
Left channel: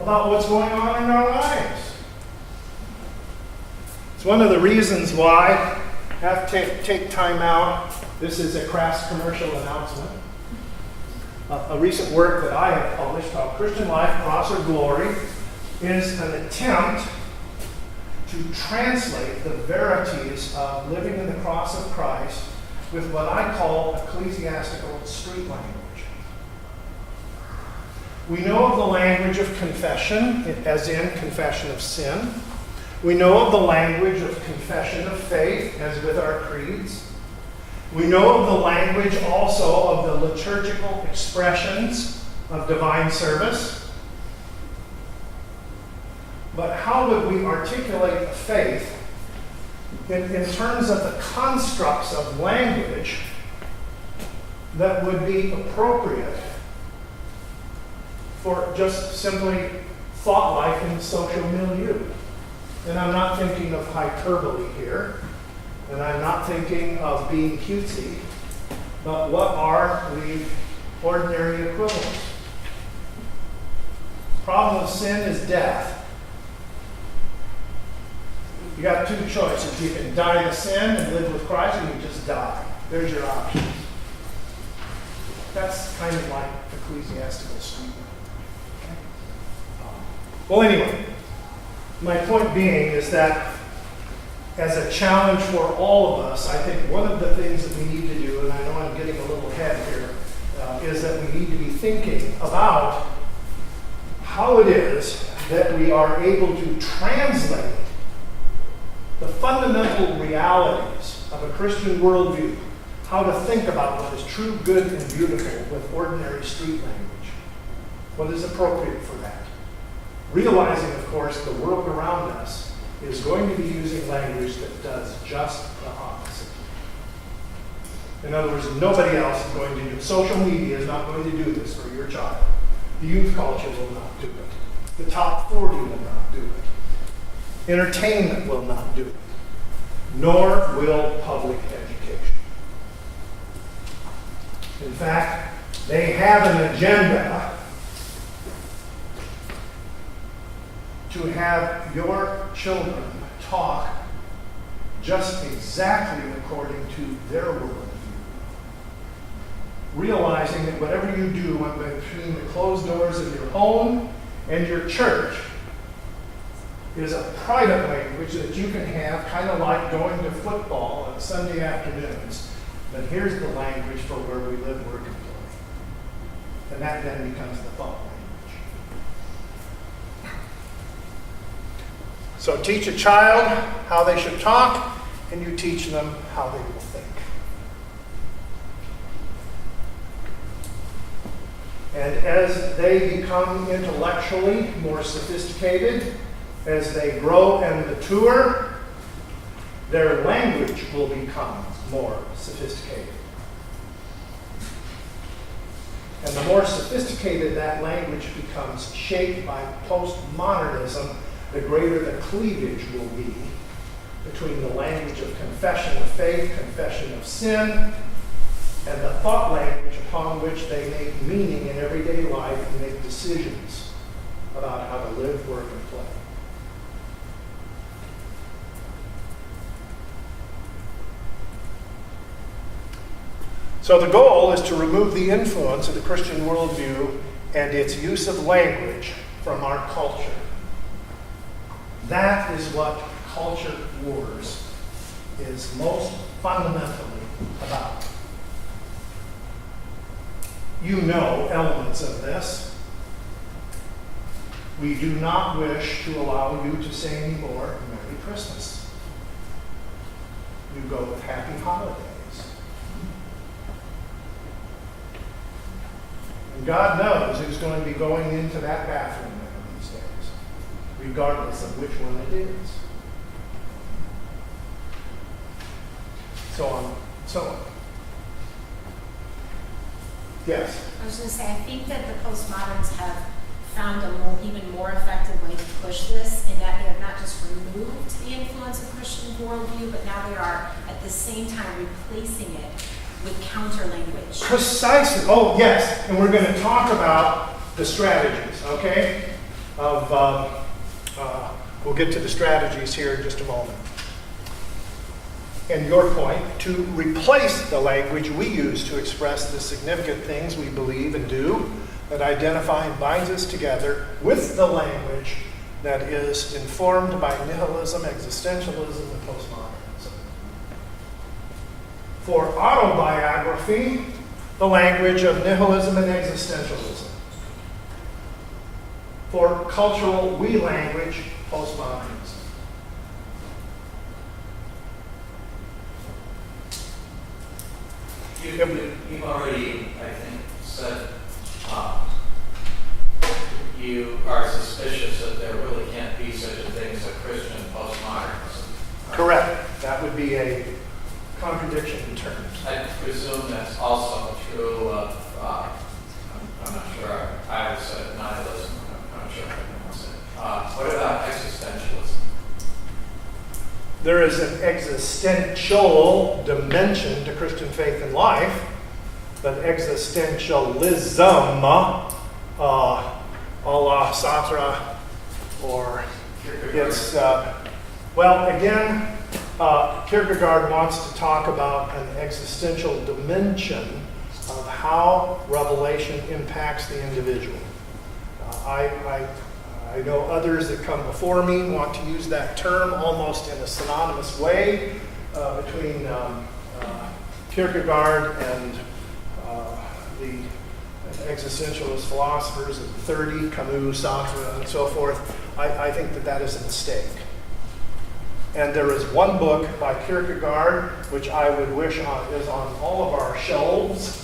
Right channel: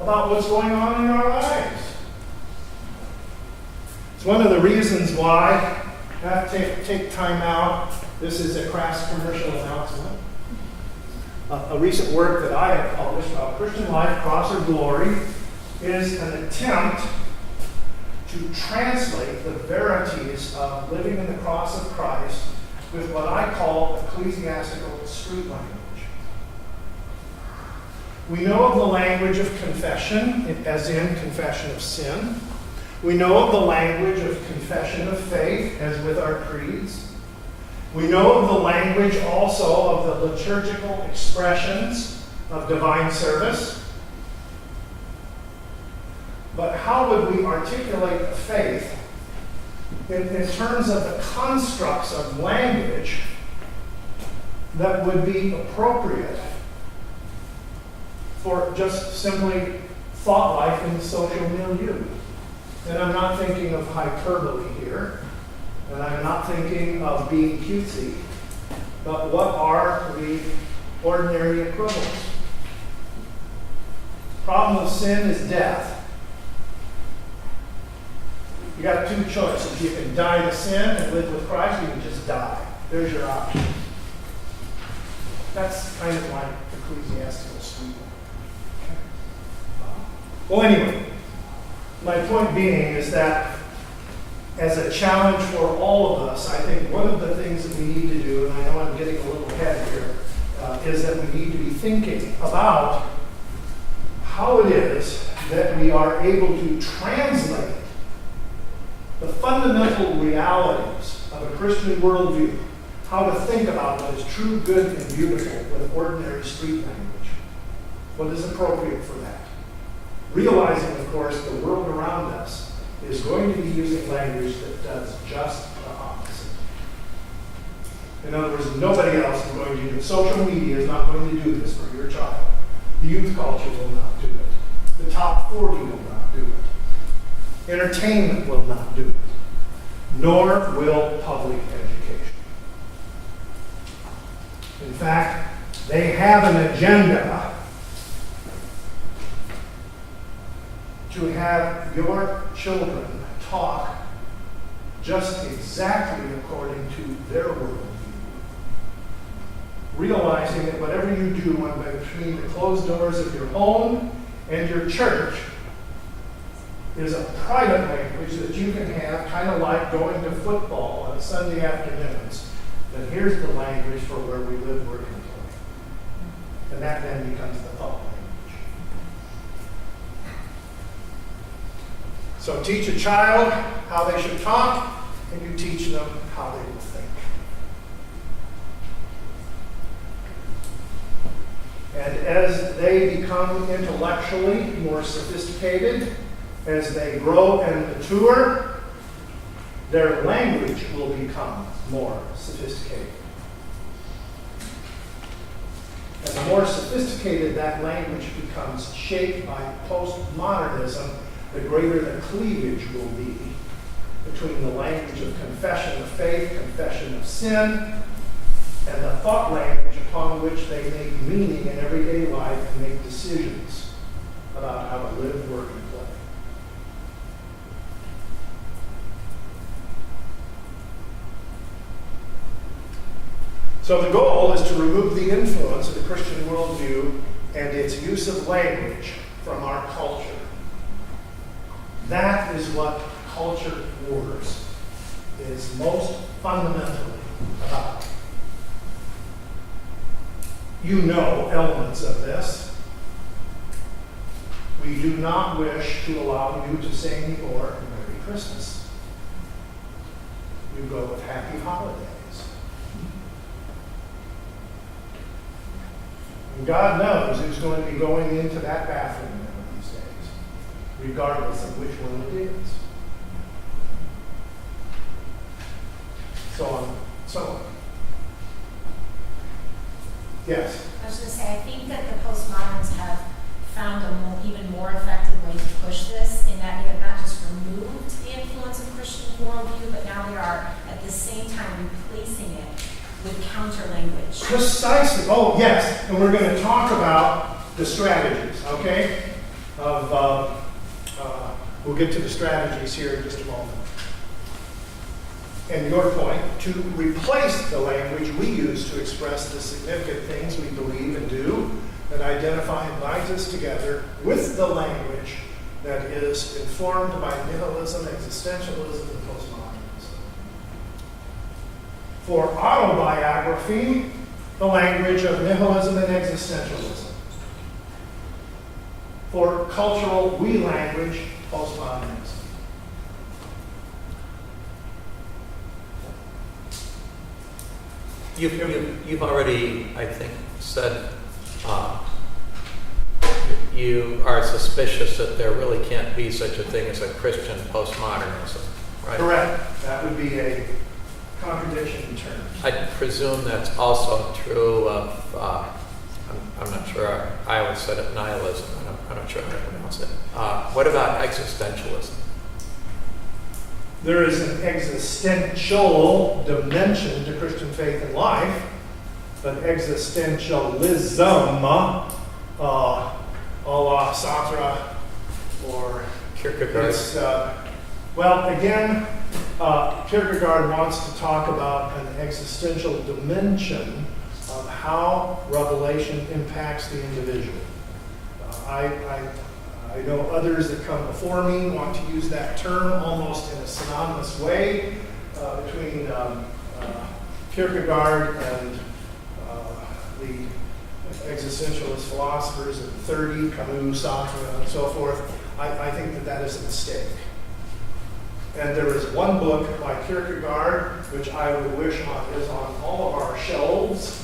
about what's going on in our lives. It's one of the reasons why I have to take time out. This is a crass commercial announcement. A recent work that I have published called Christian Life, Cross or Glory is an attempt to translate the verities of living in the cross of Christ with what I call ecclesiastical street language. We know of the language of confession, as in confession of sin. We know of the language of confession of faith, as with our creeds. We know of the language also of the liturgical expressions of divine service. But how would we articulate the faith in terms of the constructs of language that would be appropriate for just simply thought life in the social milieu. And I'm not thinking of hyperbole here, and I'm not thinking of being cutesy, but what are the ordinary equivalents? Problem of sin is death. You got two choices. You can die to sin and live with Christ, or you can just die. There's your options. That's kind of like ecclesiastical sweetness. Well, anyway, my point being is that as a challenge for all of us, I think one of the things that we need to do, and I know I'm getting a little ahead here, is that we need to be thinking about how it is that we are able to translate the fundamental realities of a Christian worldview, how to think about what is true, good, and beautiful with ordinary street language. What is appropriate for that? Realizing, of course, the world around us is going to be using language that does just the opposite. In other words, nobody else is going to do it. Social media is not going to do this for your child. The youth culture will not do it. The top 40 will not do it. Entertainment will not do it. Nor will public education. In fact, they have an agenda to have your children talk just exactly according to their worldview. Realizing that whatever you do between the closed doors of your home and your church is a private language that you can have, kind of like going to football on Sunday afternoons. But here's the language for where we live, work, and play. And that then becomes the thought language. So teach a child how they should talk, and you teach them how they will think. And as they become intellectually more sophisticated, as they grow and mature, their language will become more sophisticated. And the more sophisticated that language becomes, shaped by postmodernism, the greater the cleavage will be between the language of confession of faith, confession of sin, and the thought language upon which they make meaning in everyday life and make decisions about how to live, work, and play. So the goal is to remove the influence of the Christian worldview and its use of language from our culture. That is what culture wars is most fundamentally about. You know elements of this. We do not wish to allow you to say anymore, Merry Christmas. You go with Happy Holidays. And God knows who's going to be going into that bathroom one of these days, regardless of which one it is. So on, so on. Yes? I was going to say, I think that the postmoderns have found a even more effective way to push this, in that they have not just removed the influence of Christian worldview, but now they are at the same time replacing it with counter language. Precisely. Oh, yes. And we're going to talk about the strategies, okay? We'll get to the strategies here in just a moment. And your point, to replace the language we use to express the significant things we believe and do that identify and binds us together with the language that is informed by nihilism, existentialism, and postmodernism. For autobiography, the language of nihilism and existentialism. For cultural we language, postmodernism. You've already, I think, said you are suspicious that there really can't be such a thing as a Christian postmodernism. right? Correct. That would be a contradiction in terms. I presume that's also true of, I'm not sure, I always said it nihilism, I'm not sure how to pronounce it. What about existentialism? There is an existential dimension to Christian faith and life, but existentialism, a la Sartre, or Kierkegaard. it's, well, again, Kierkegaard wants to talk about an existential dimension of how revelation impacts the individual. I know others that come before me want to use that term almost in a synonymous way between Kierkegaard and the existentialist philosophers of the 30s, Camus, Sartre, and so forth. I think that is a mistake. And there is one book by Kierkegaard which I would wish is on all of our shelves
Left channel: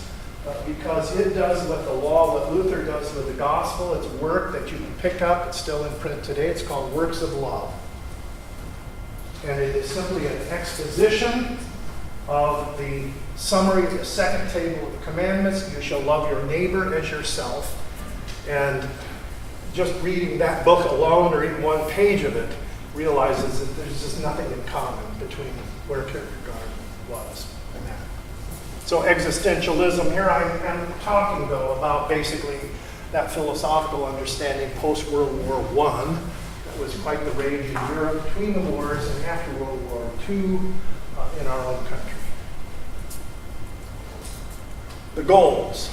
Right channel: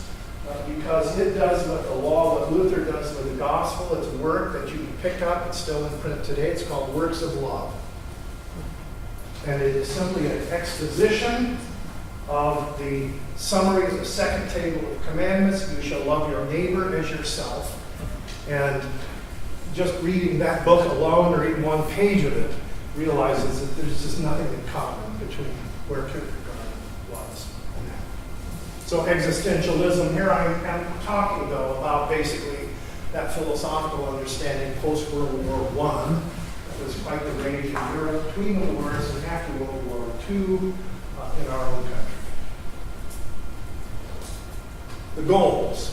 because it does what the law, what Luther does with the gospel. It's work that you can pick up. It's still in print today. It's called Works of Love. And it is simply an exposition of the summary of the second table of commandments. You shall love your neighbor as yourself. And just reading that book alone or even one page of it realizes that there's just nothing in common between where Kierkegaard was and that. So existentialism, here I am talking though about basically that philosophical understanding post-World War I that was quite the rage in Europe between the wars and after World War II in our own country. The goals.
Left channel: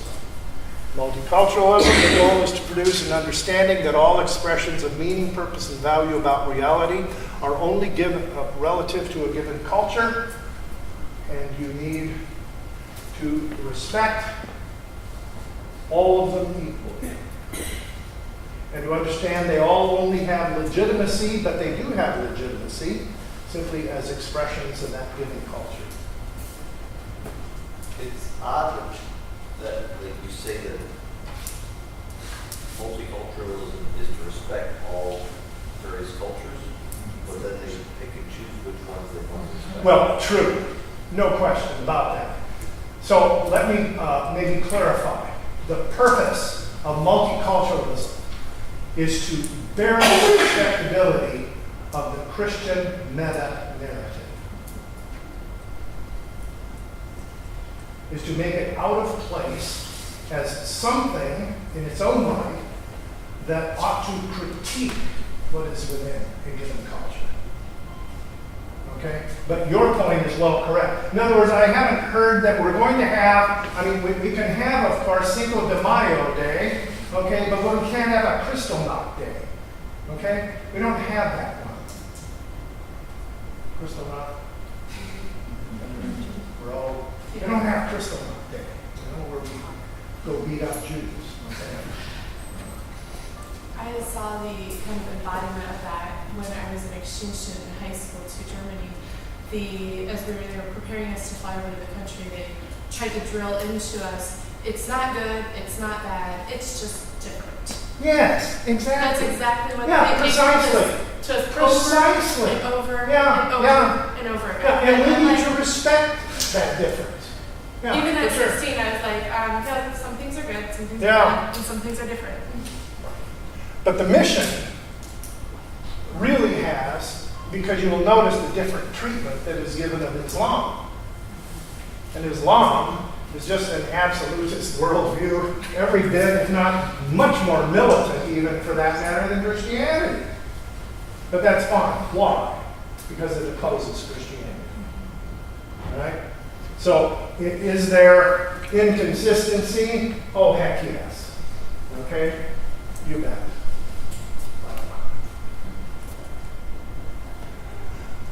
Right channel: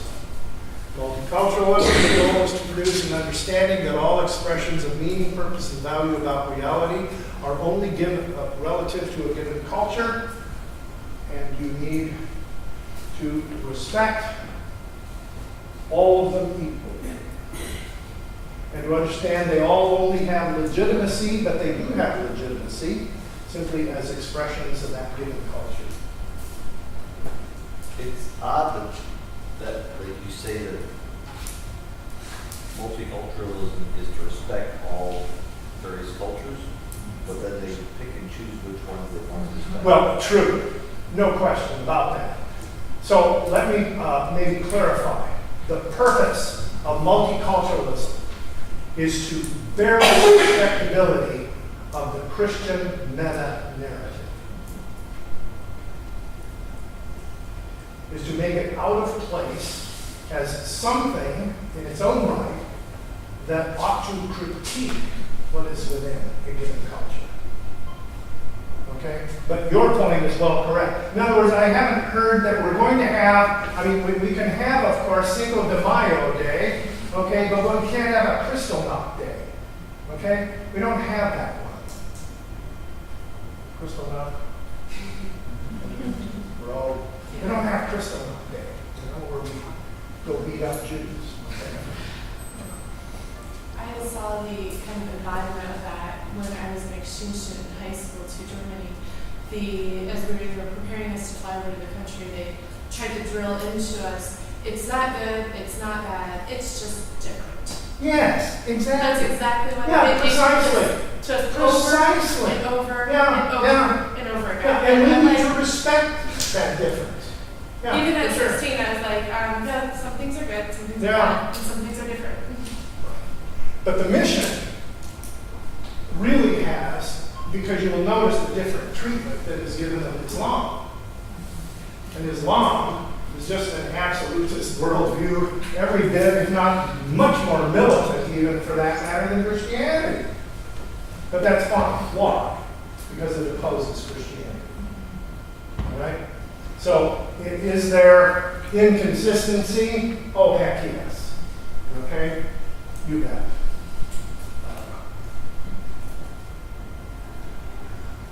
Multiculturalism, the goal is to produce an understanding that all expressions of meaning, purpose, and value about reality are only given relative to a given culture, and you need to respect all of them equally. And to understand they all only have legitimacy, but they do have legitimacy simply as expressions of that given culture. It's odd that like you say that multiculturalism is to respect all various cultures, but then they pick and choose which ones they want to respect. Well, true. No question about that. So let me maybe clarify. The purpose of multiculturalism is to bear the respectability of the Christian meta-narrative. Is to make it out of place as something in its own right that ought to critique what is within a given culture. Okay? But your point is well correct. In other words, I haven't heard that we're going to have, I mean, we can have, of course, Cinco de Mayo Day, okay, but we can't have a Kristallnacht Day. Okay? We don't have that one. Kristallnacht? We're all, we don't have Kristallnacht Day, where we go beat up Jews. Okay? I saw the kind of embodiment of that when I was an exchange student in high school to Germany. As they were preparing us to fly over to the country, they tried to drill into us, it's not good, it's not bad, it's just different. Yes, exactly. That's exactly what Yeah, precisely. Just Precisely. over and over Yeah, and over yeah. and over again. Yeah, and we I'm need like, to respect that difference. Yeah, even at for sure. 16, I was like, yeah, some things are good, some things are Yeah. bad, and some things are different. But the mission really has, because you will notice the different treatment that is given of Islam. And Islam is just an absolutist worldview, every bit, if not much more militant even for that matter than Christianity. But that's fine. Why? Because it opposes Christianity. All right? So, is there inconsistency? Oh, heck yes. Okay? You bet.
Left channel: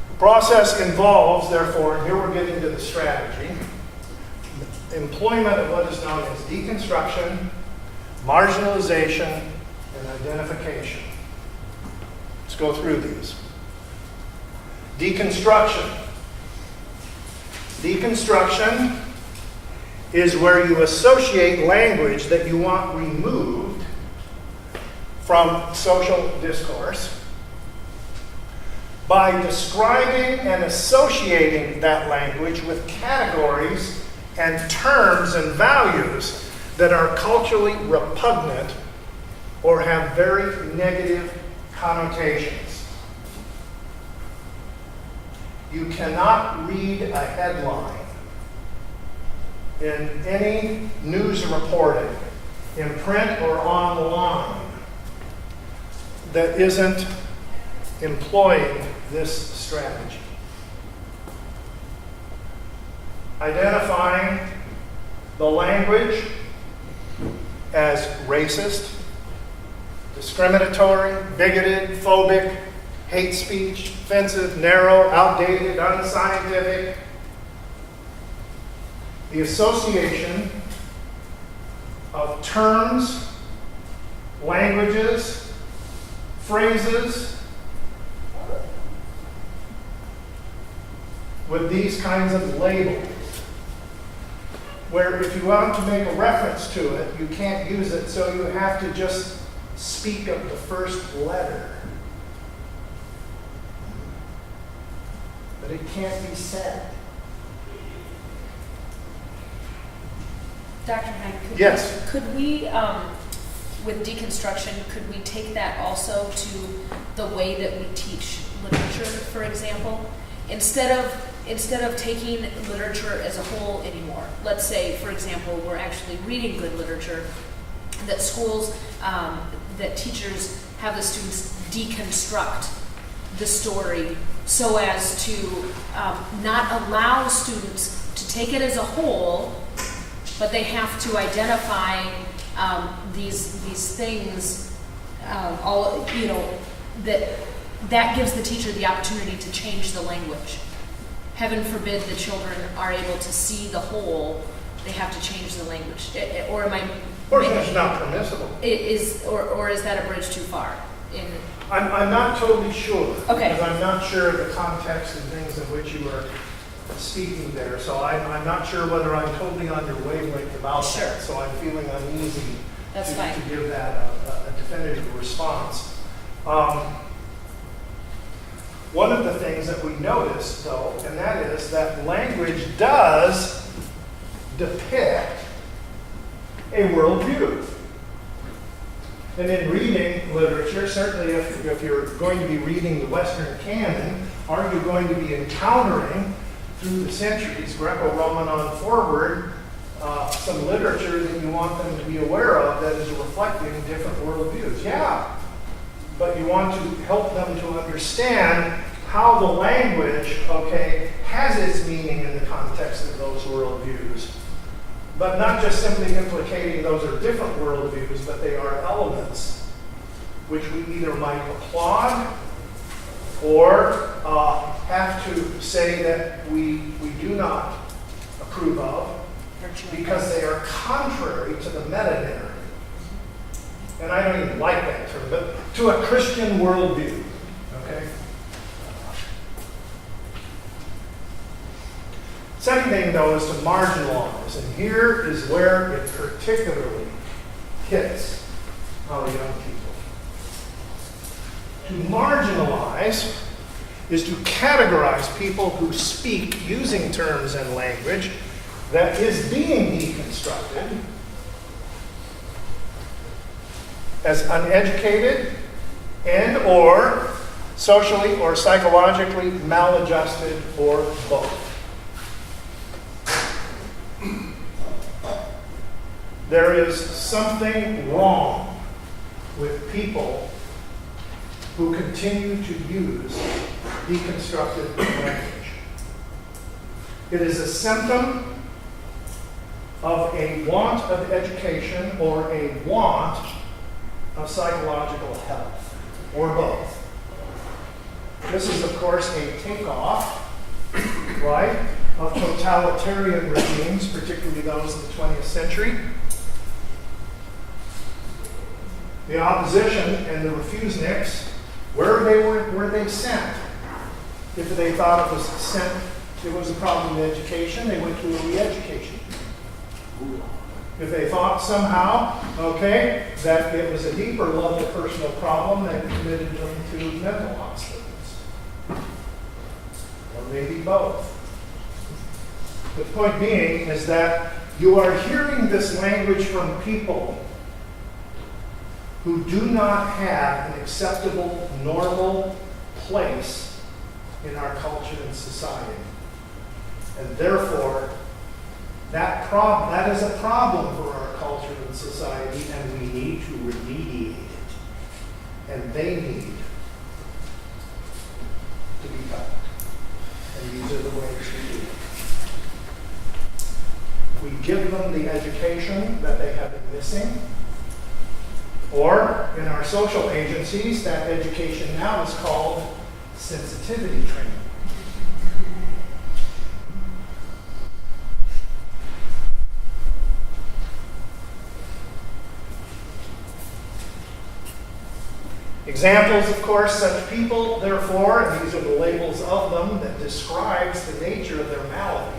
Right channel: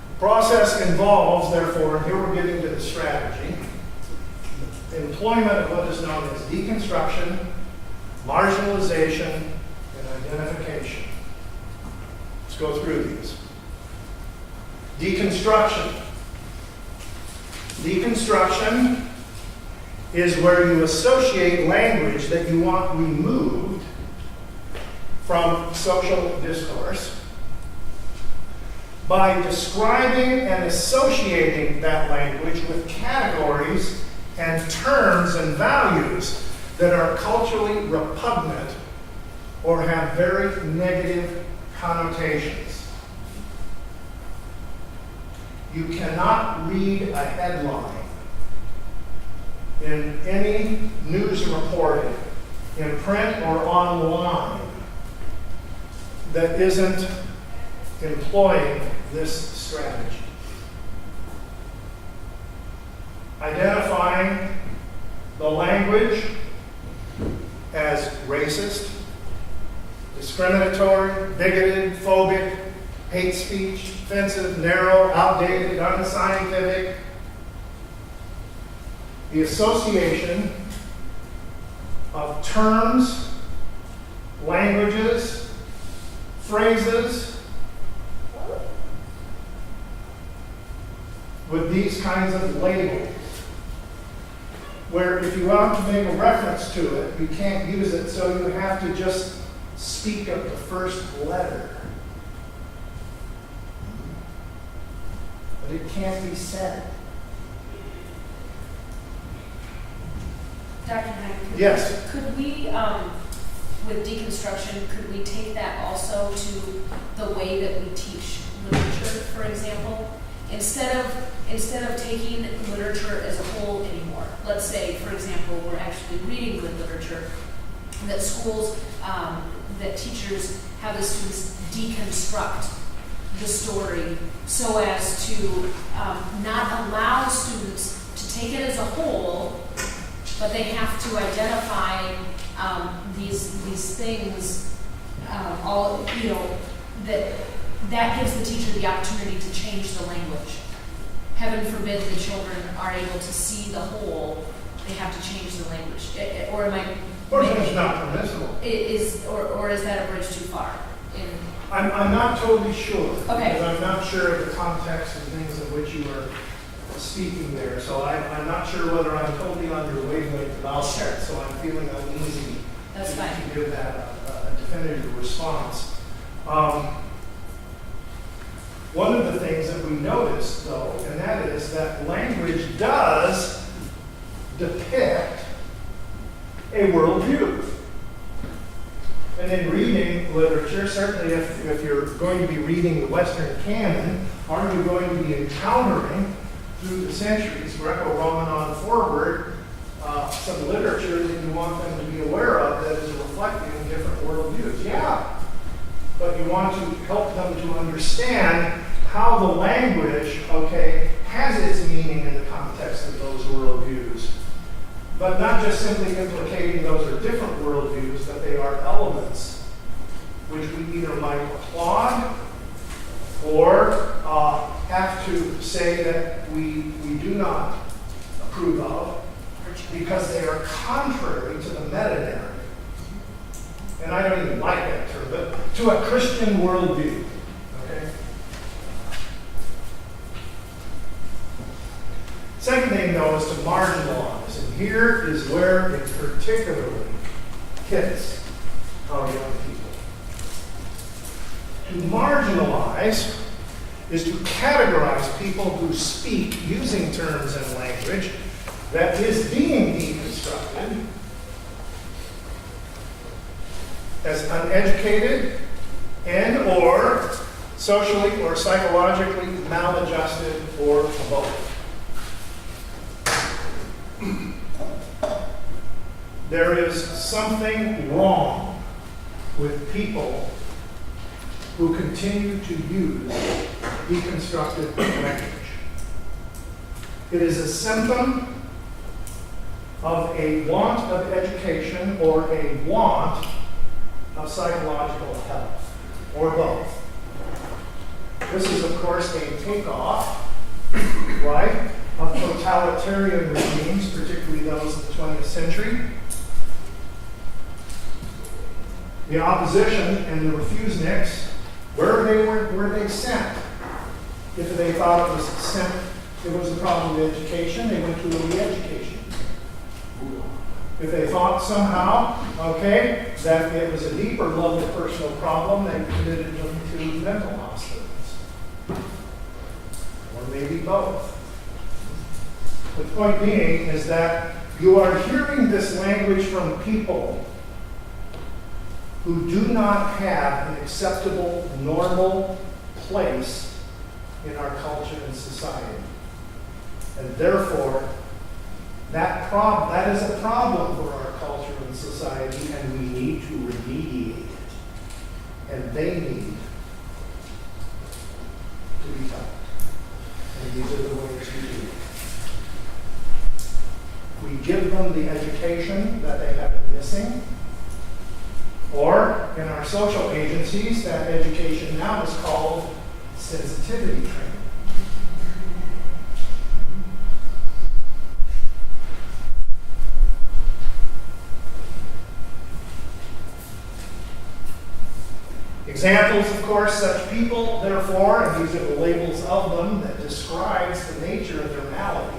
The process involves, therefore, and here we're getting to the strategy, employment of what is known as deconstruction, marginalization, and identification. Let's go through these. Deconstruction. Deconstruction is where you associate language that you want removed from social discourse by describing and associating that language with categories and terms and values that are culturally repugnant or have very negative connotations. You cannot read a headline in any news reporting, in print or online, that isn't employing this strategy. Identifying the language as racist, discriminatory, bigoted, phobic, hate speech, offensive, narrow, outdated, unscientific. The association of terms, languages, phrases with these kinds of labels, where if you want to make a reference to it, you can't use it, so you have to just speak of the first letter. But it can't be said. Dr. Hein, Yes. could we, with deconstruction, could we take that also to the way that we teach literature, for example? Instead of taking literature as a whole anymore. Let's say, for example, we're actually reading good literature, that schools, that teachers have the students deconstruct the story so as to not allow students to take it as a whole, but they have to identify these things, that gives the teacher the opportunity to change the language. Heaven forbid the children are able to see the whole, they have to change the language. Or am I... Or it's not permissible. Or is that a bridge too far? I'm not totally sure. Okay. Because I'm not sure of the context and things of which you are speaking there. So I'm not sure whether I'm totally on your wavelength about Sure. that. So I'm feeling uneasy That's fine. to give that a definitive response. One of the things that we noticed, though, and that is that language does depict a worldview. And in reading literature, certainly if you're going to be reading the Western canon, are you going to be encountering, through the centuries, Greco-Roman on forward, some literature that you want them to be aware of that is reflecting different worldviews? Yeah. But you want to help them to understand how the language, has its meaning in the context of those worldviews. But not just simply implicating those are different worldviews, but they are elements which we either might applaud or have to say that we do not approve of because they are contrary to the meta-narrative. And I don't even like that term, but to a Christian worldview. Okay? Second thing, though, is to marginalize. And here is where it particularly hits our young people. To marginalize is to categorize people who speak using terms and language that is being deconstructed as uneducated and or socially or psychologically maladjusted or both. There is something wrong with people who continue to use deconstructed language. It is a symptom of a want of education or a want of psychological health, or both. This is, of course, a takeoff, right, of totalitarian regimes, particularly those of the 20th century. The opposition and the refuseniks, where were they sent? If they thought it was a problem with education, they went to a re-education. If they thought somehow, that it was a deeper level personal problem, they committed them to mental hospitals. maybe both. The point being is that you are hearing this language from people who do not have an acceptable, normal place in our culture and society. And therefore, that is a problem for our culture and society, and we need to remediate it. And they need to be taught. And these are the ways we do it. We give them the education that they have been missing, or in our social agencies, that education now is called sensitivity training. Examples, of course, such people, therefore, and these are the labels of them that describes the nature of their malady.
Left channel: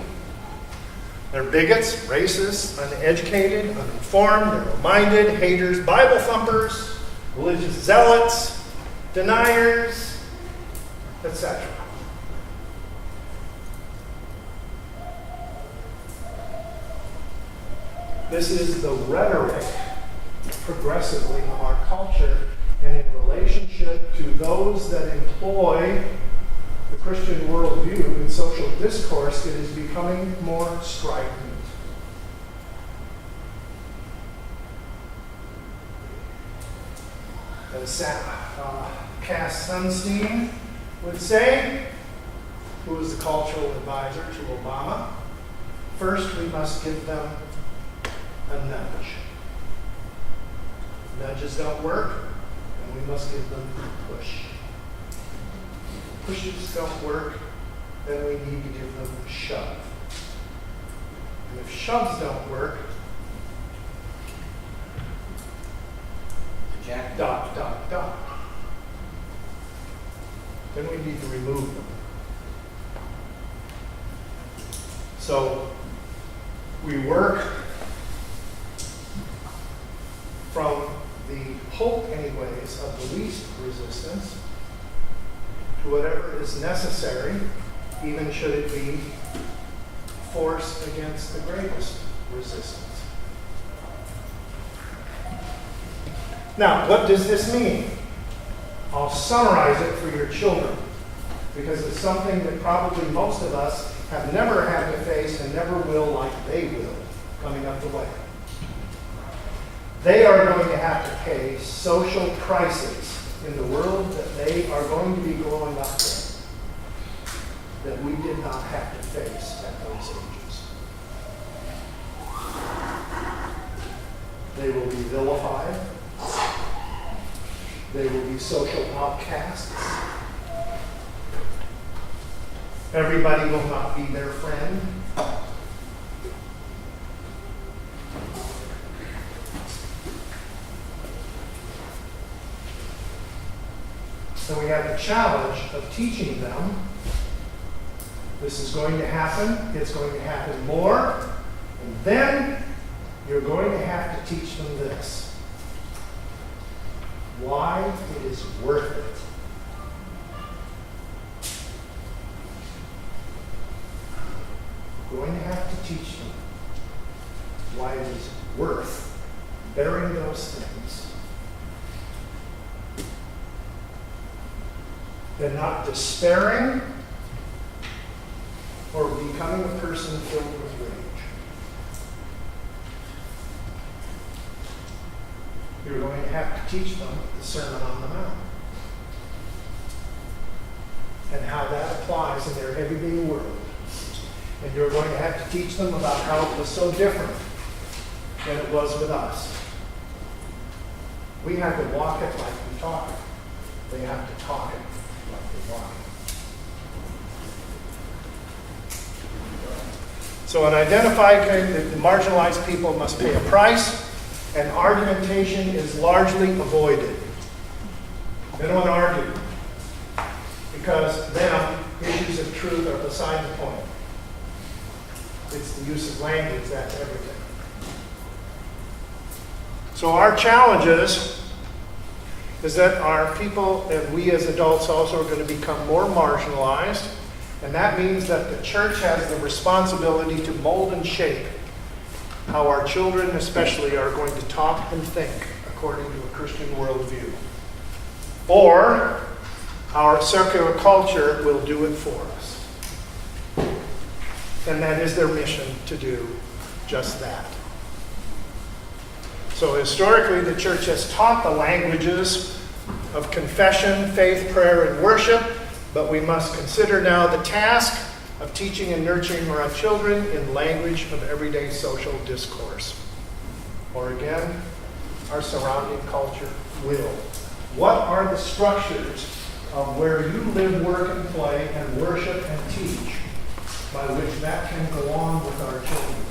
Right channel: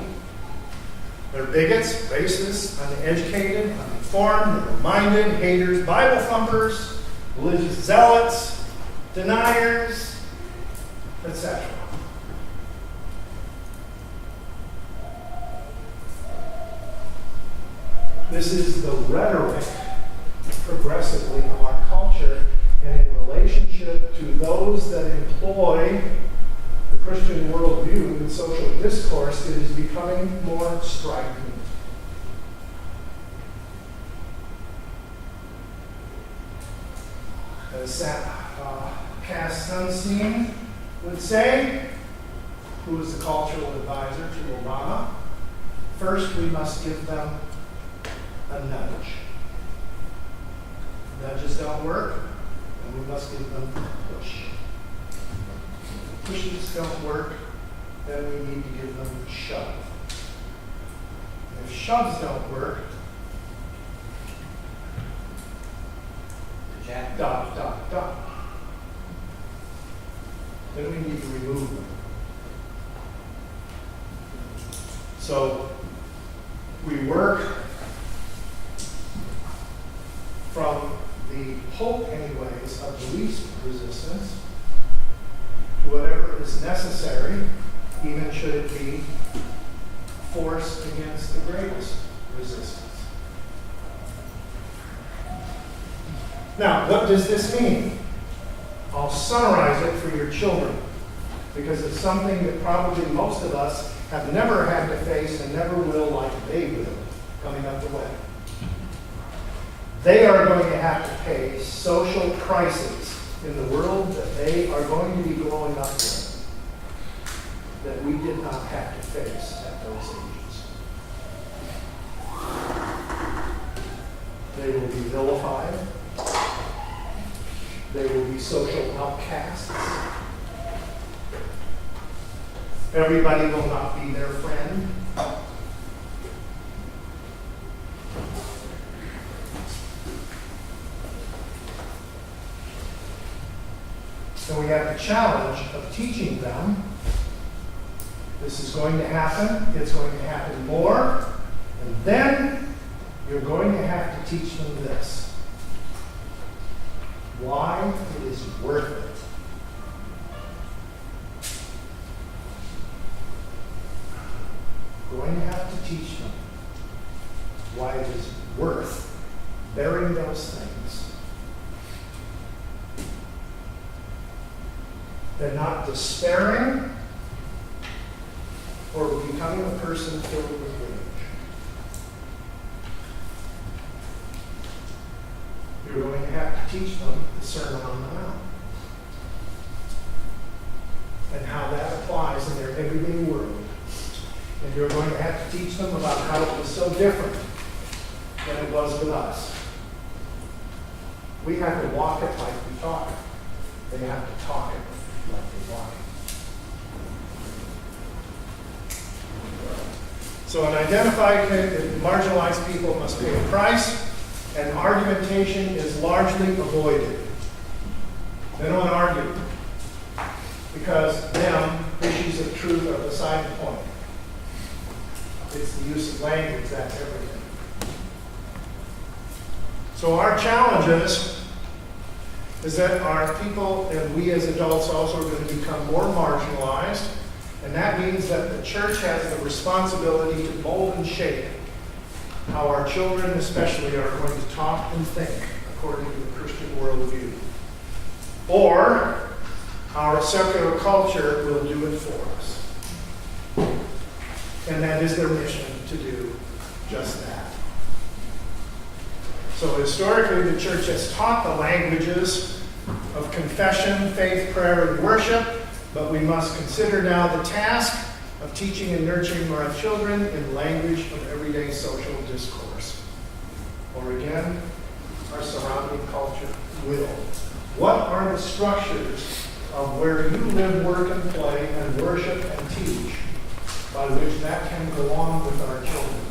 They're bigots, racists, uneducated, uninformed, narrow-minded, haters, Bible thumpers, religious zealots, deniers, etc. This is the rhetoric progressively of our culture, and in relationship to those that employ the Christian worldview in social discourse, it is becoming more striking. As Cass Sunstein would say, who was the cultural advisor to Obama, first we must give them a nudge. Nudges don't work, and we must give them a push. Pushes don't work, then we need to give them a shove. And if shoves don't work, dot, dot, dot. Then we need to remove them. So we work from the hope, anyways, of the least resistance to whatever is necessary, even should it be force against the greatest resistance. Now, what does this mean? I'll summarize it for your children, because it's something that probably most of us have never had to face and never will like they will coming up the way. They are going to have to face social crises in the world that they are going to be growing up with that we did not have to face at those ages. They will be vilified. They will be social outcasts. Everybody will not be their friend. So we have the challenge of teaching them. This is going to happen. It's going to happen more. And then you're going to have to teach them this. Why it is worth it. You're going to have to teach them why it is worth bearing those things. They're not despairing or becoming a person filled with rage. You're going to have to teach them the Sermon on the Mount and how that applies in their everyday world. And you're going to have to teach them about how it was so different than it was with us. We have to walk it like we talk it. They have to talk it like they walk it. So an identified marginalized people must pay a price, and argumentation is largely avoided. They don't argue, because them, issues of truth are beside the point. It's the use of language, that's everything. So our challenges is that our people, and we as adults also, are going to become more marginalized, And that means that the church has the responsibility to mold and shape how our children especially are going to talk and think according to a Christian worldview. Or our secular culture will do it for us. And that is their mission to do just that. So historically, the church has taught the languages of confession, faith, prayer, and worship, but we must consider now the task of teaching and nurturing our children in language of everyday social discourse. Or again, our surrounding culture will. What are the structures of where you live, work, and play, and worship and teach by which that can go on with our children?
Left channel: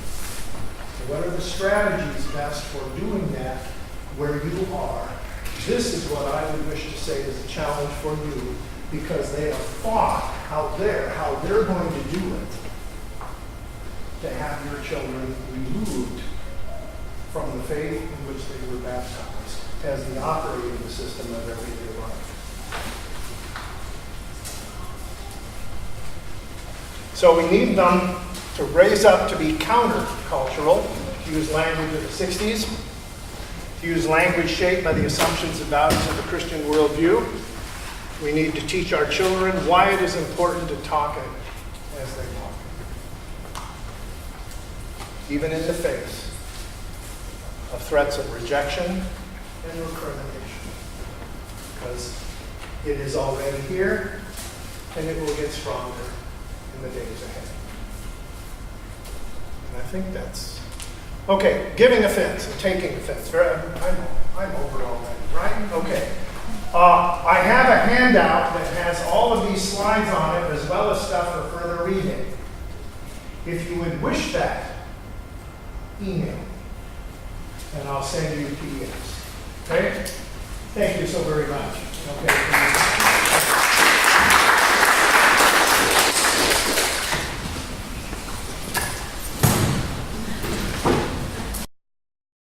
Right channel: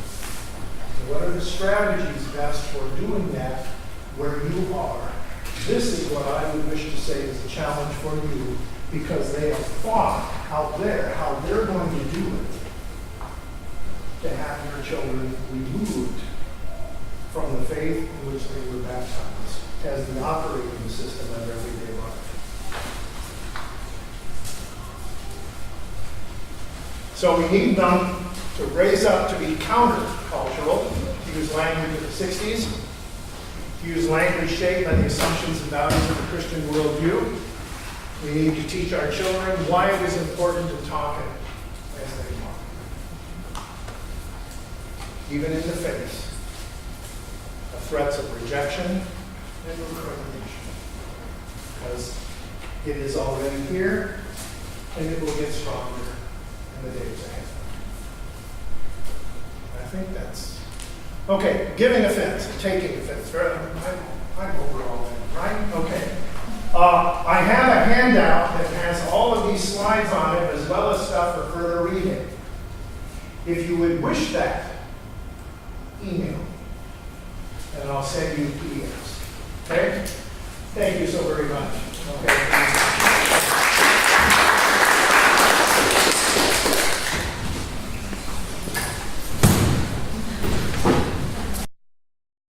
And what are the strategies best for doing that where you are? This is what I would wish to say is a challenge for you, because they have fought out there how they're going to do it to have your children removed from the faith in which they were baptized as the operating system of everyday life. So we need them to raise up to be counter-cultural, to use language of the 60s, to use language shaped by the assumptions and values of the Christian worldview. We need to teach our children why it is important to talk it as they talk, even in the face of threats of rejection and recrimination, because it is already here and it will get stronger in the days ahead. And I think that's okay. Giving offense and taking offense. I'm over all that, right? Okay. I have a handout that has all of these slides on it, as well as stuff for further reading. If you would wish that, email, and I'll send you PDFs. Okay? Thank you so very much. Okay.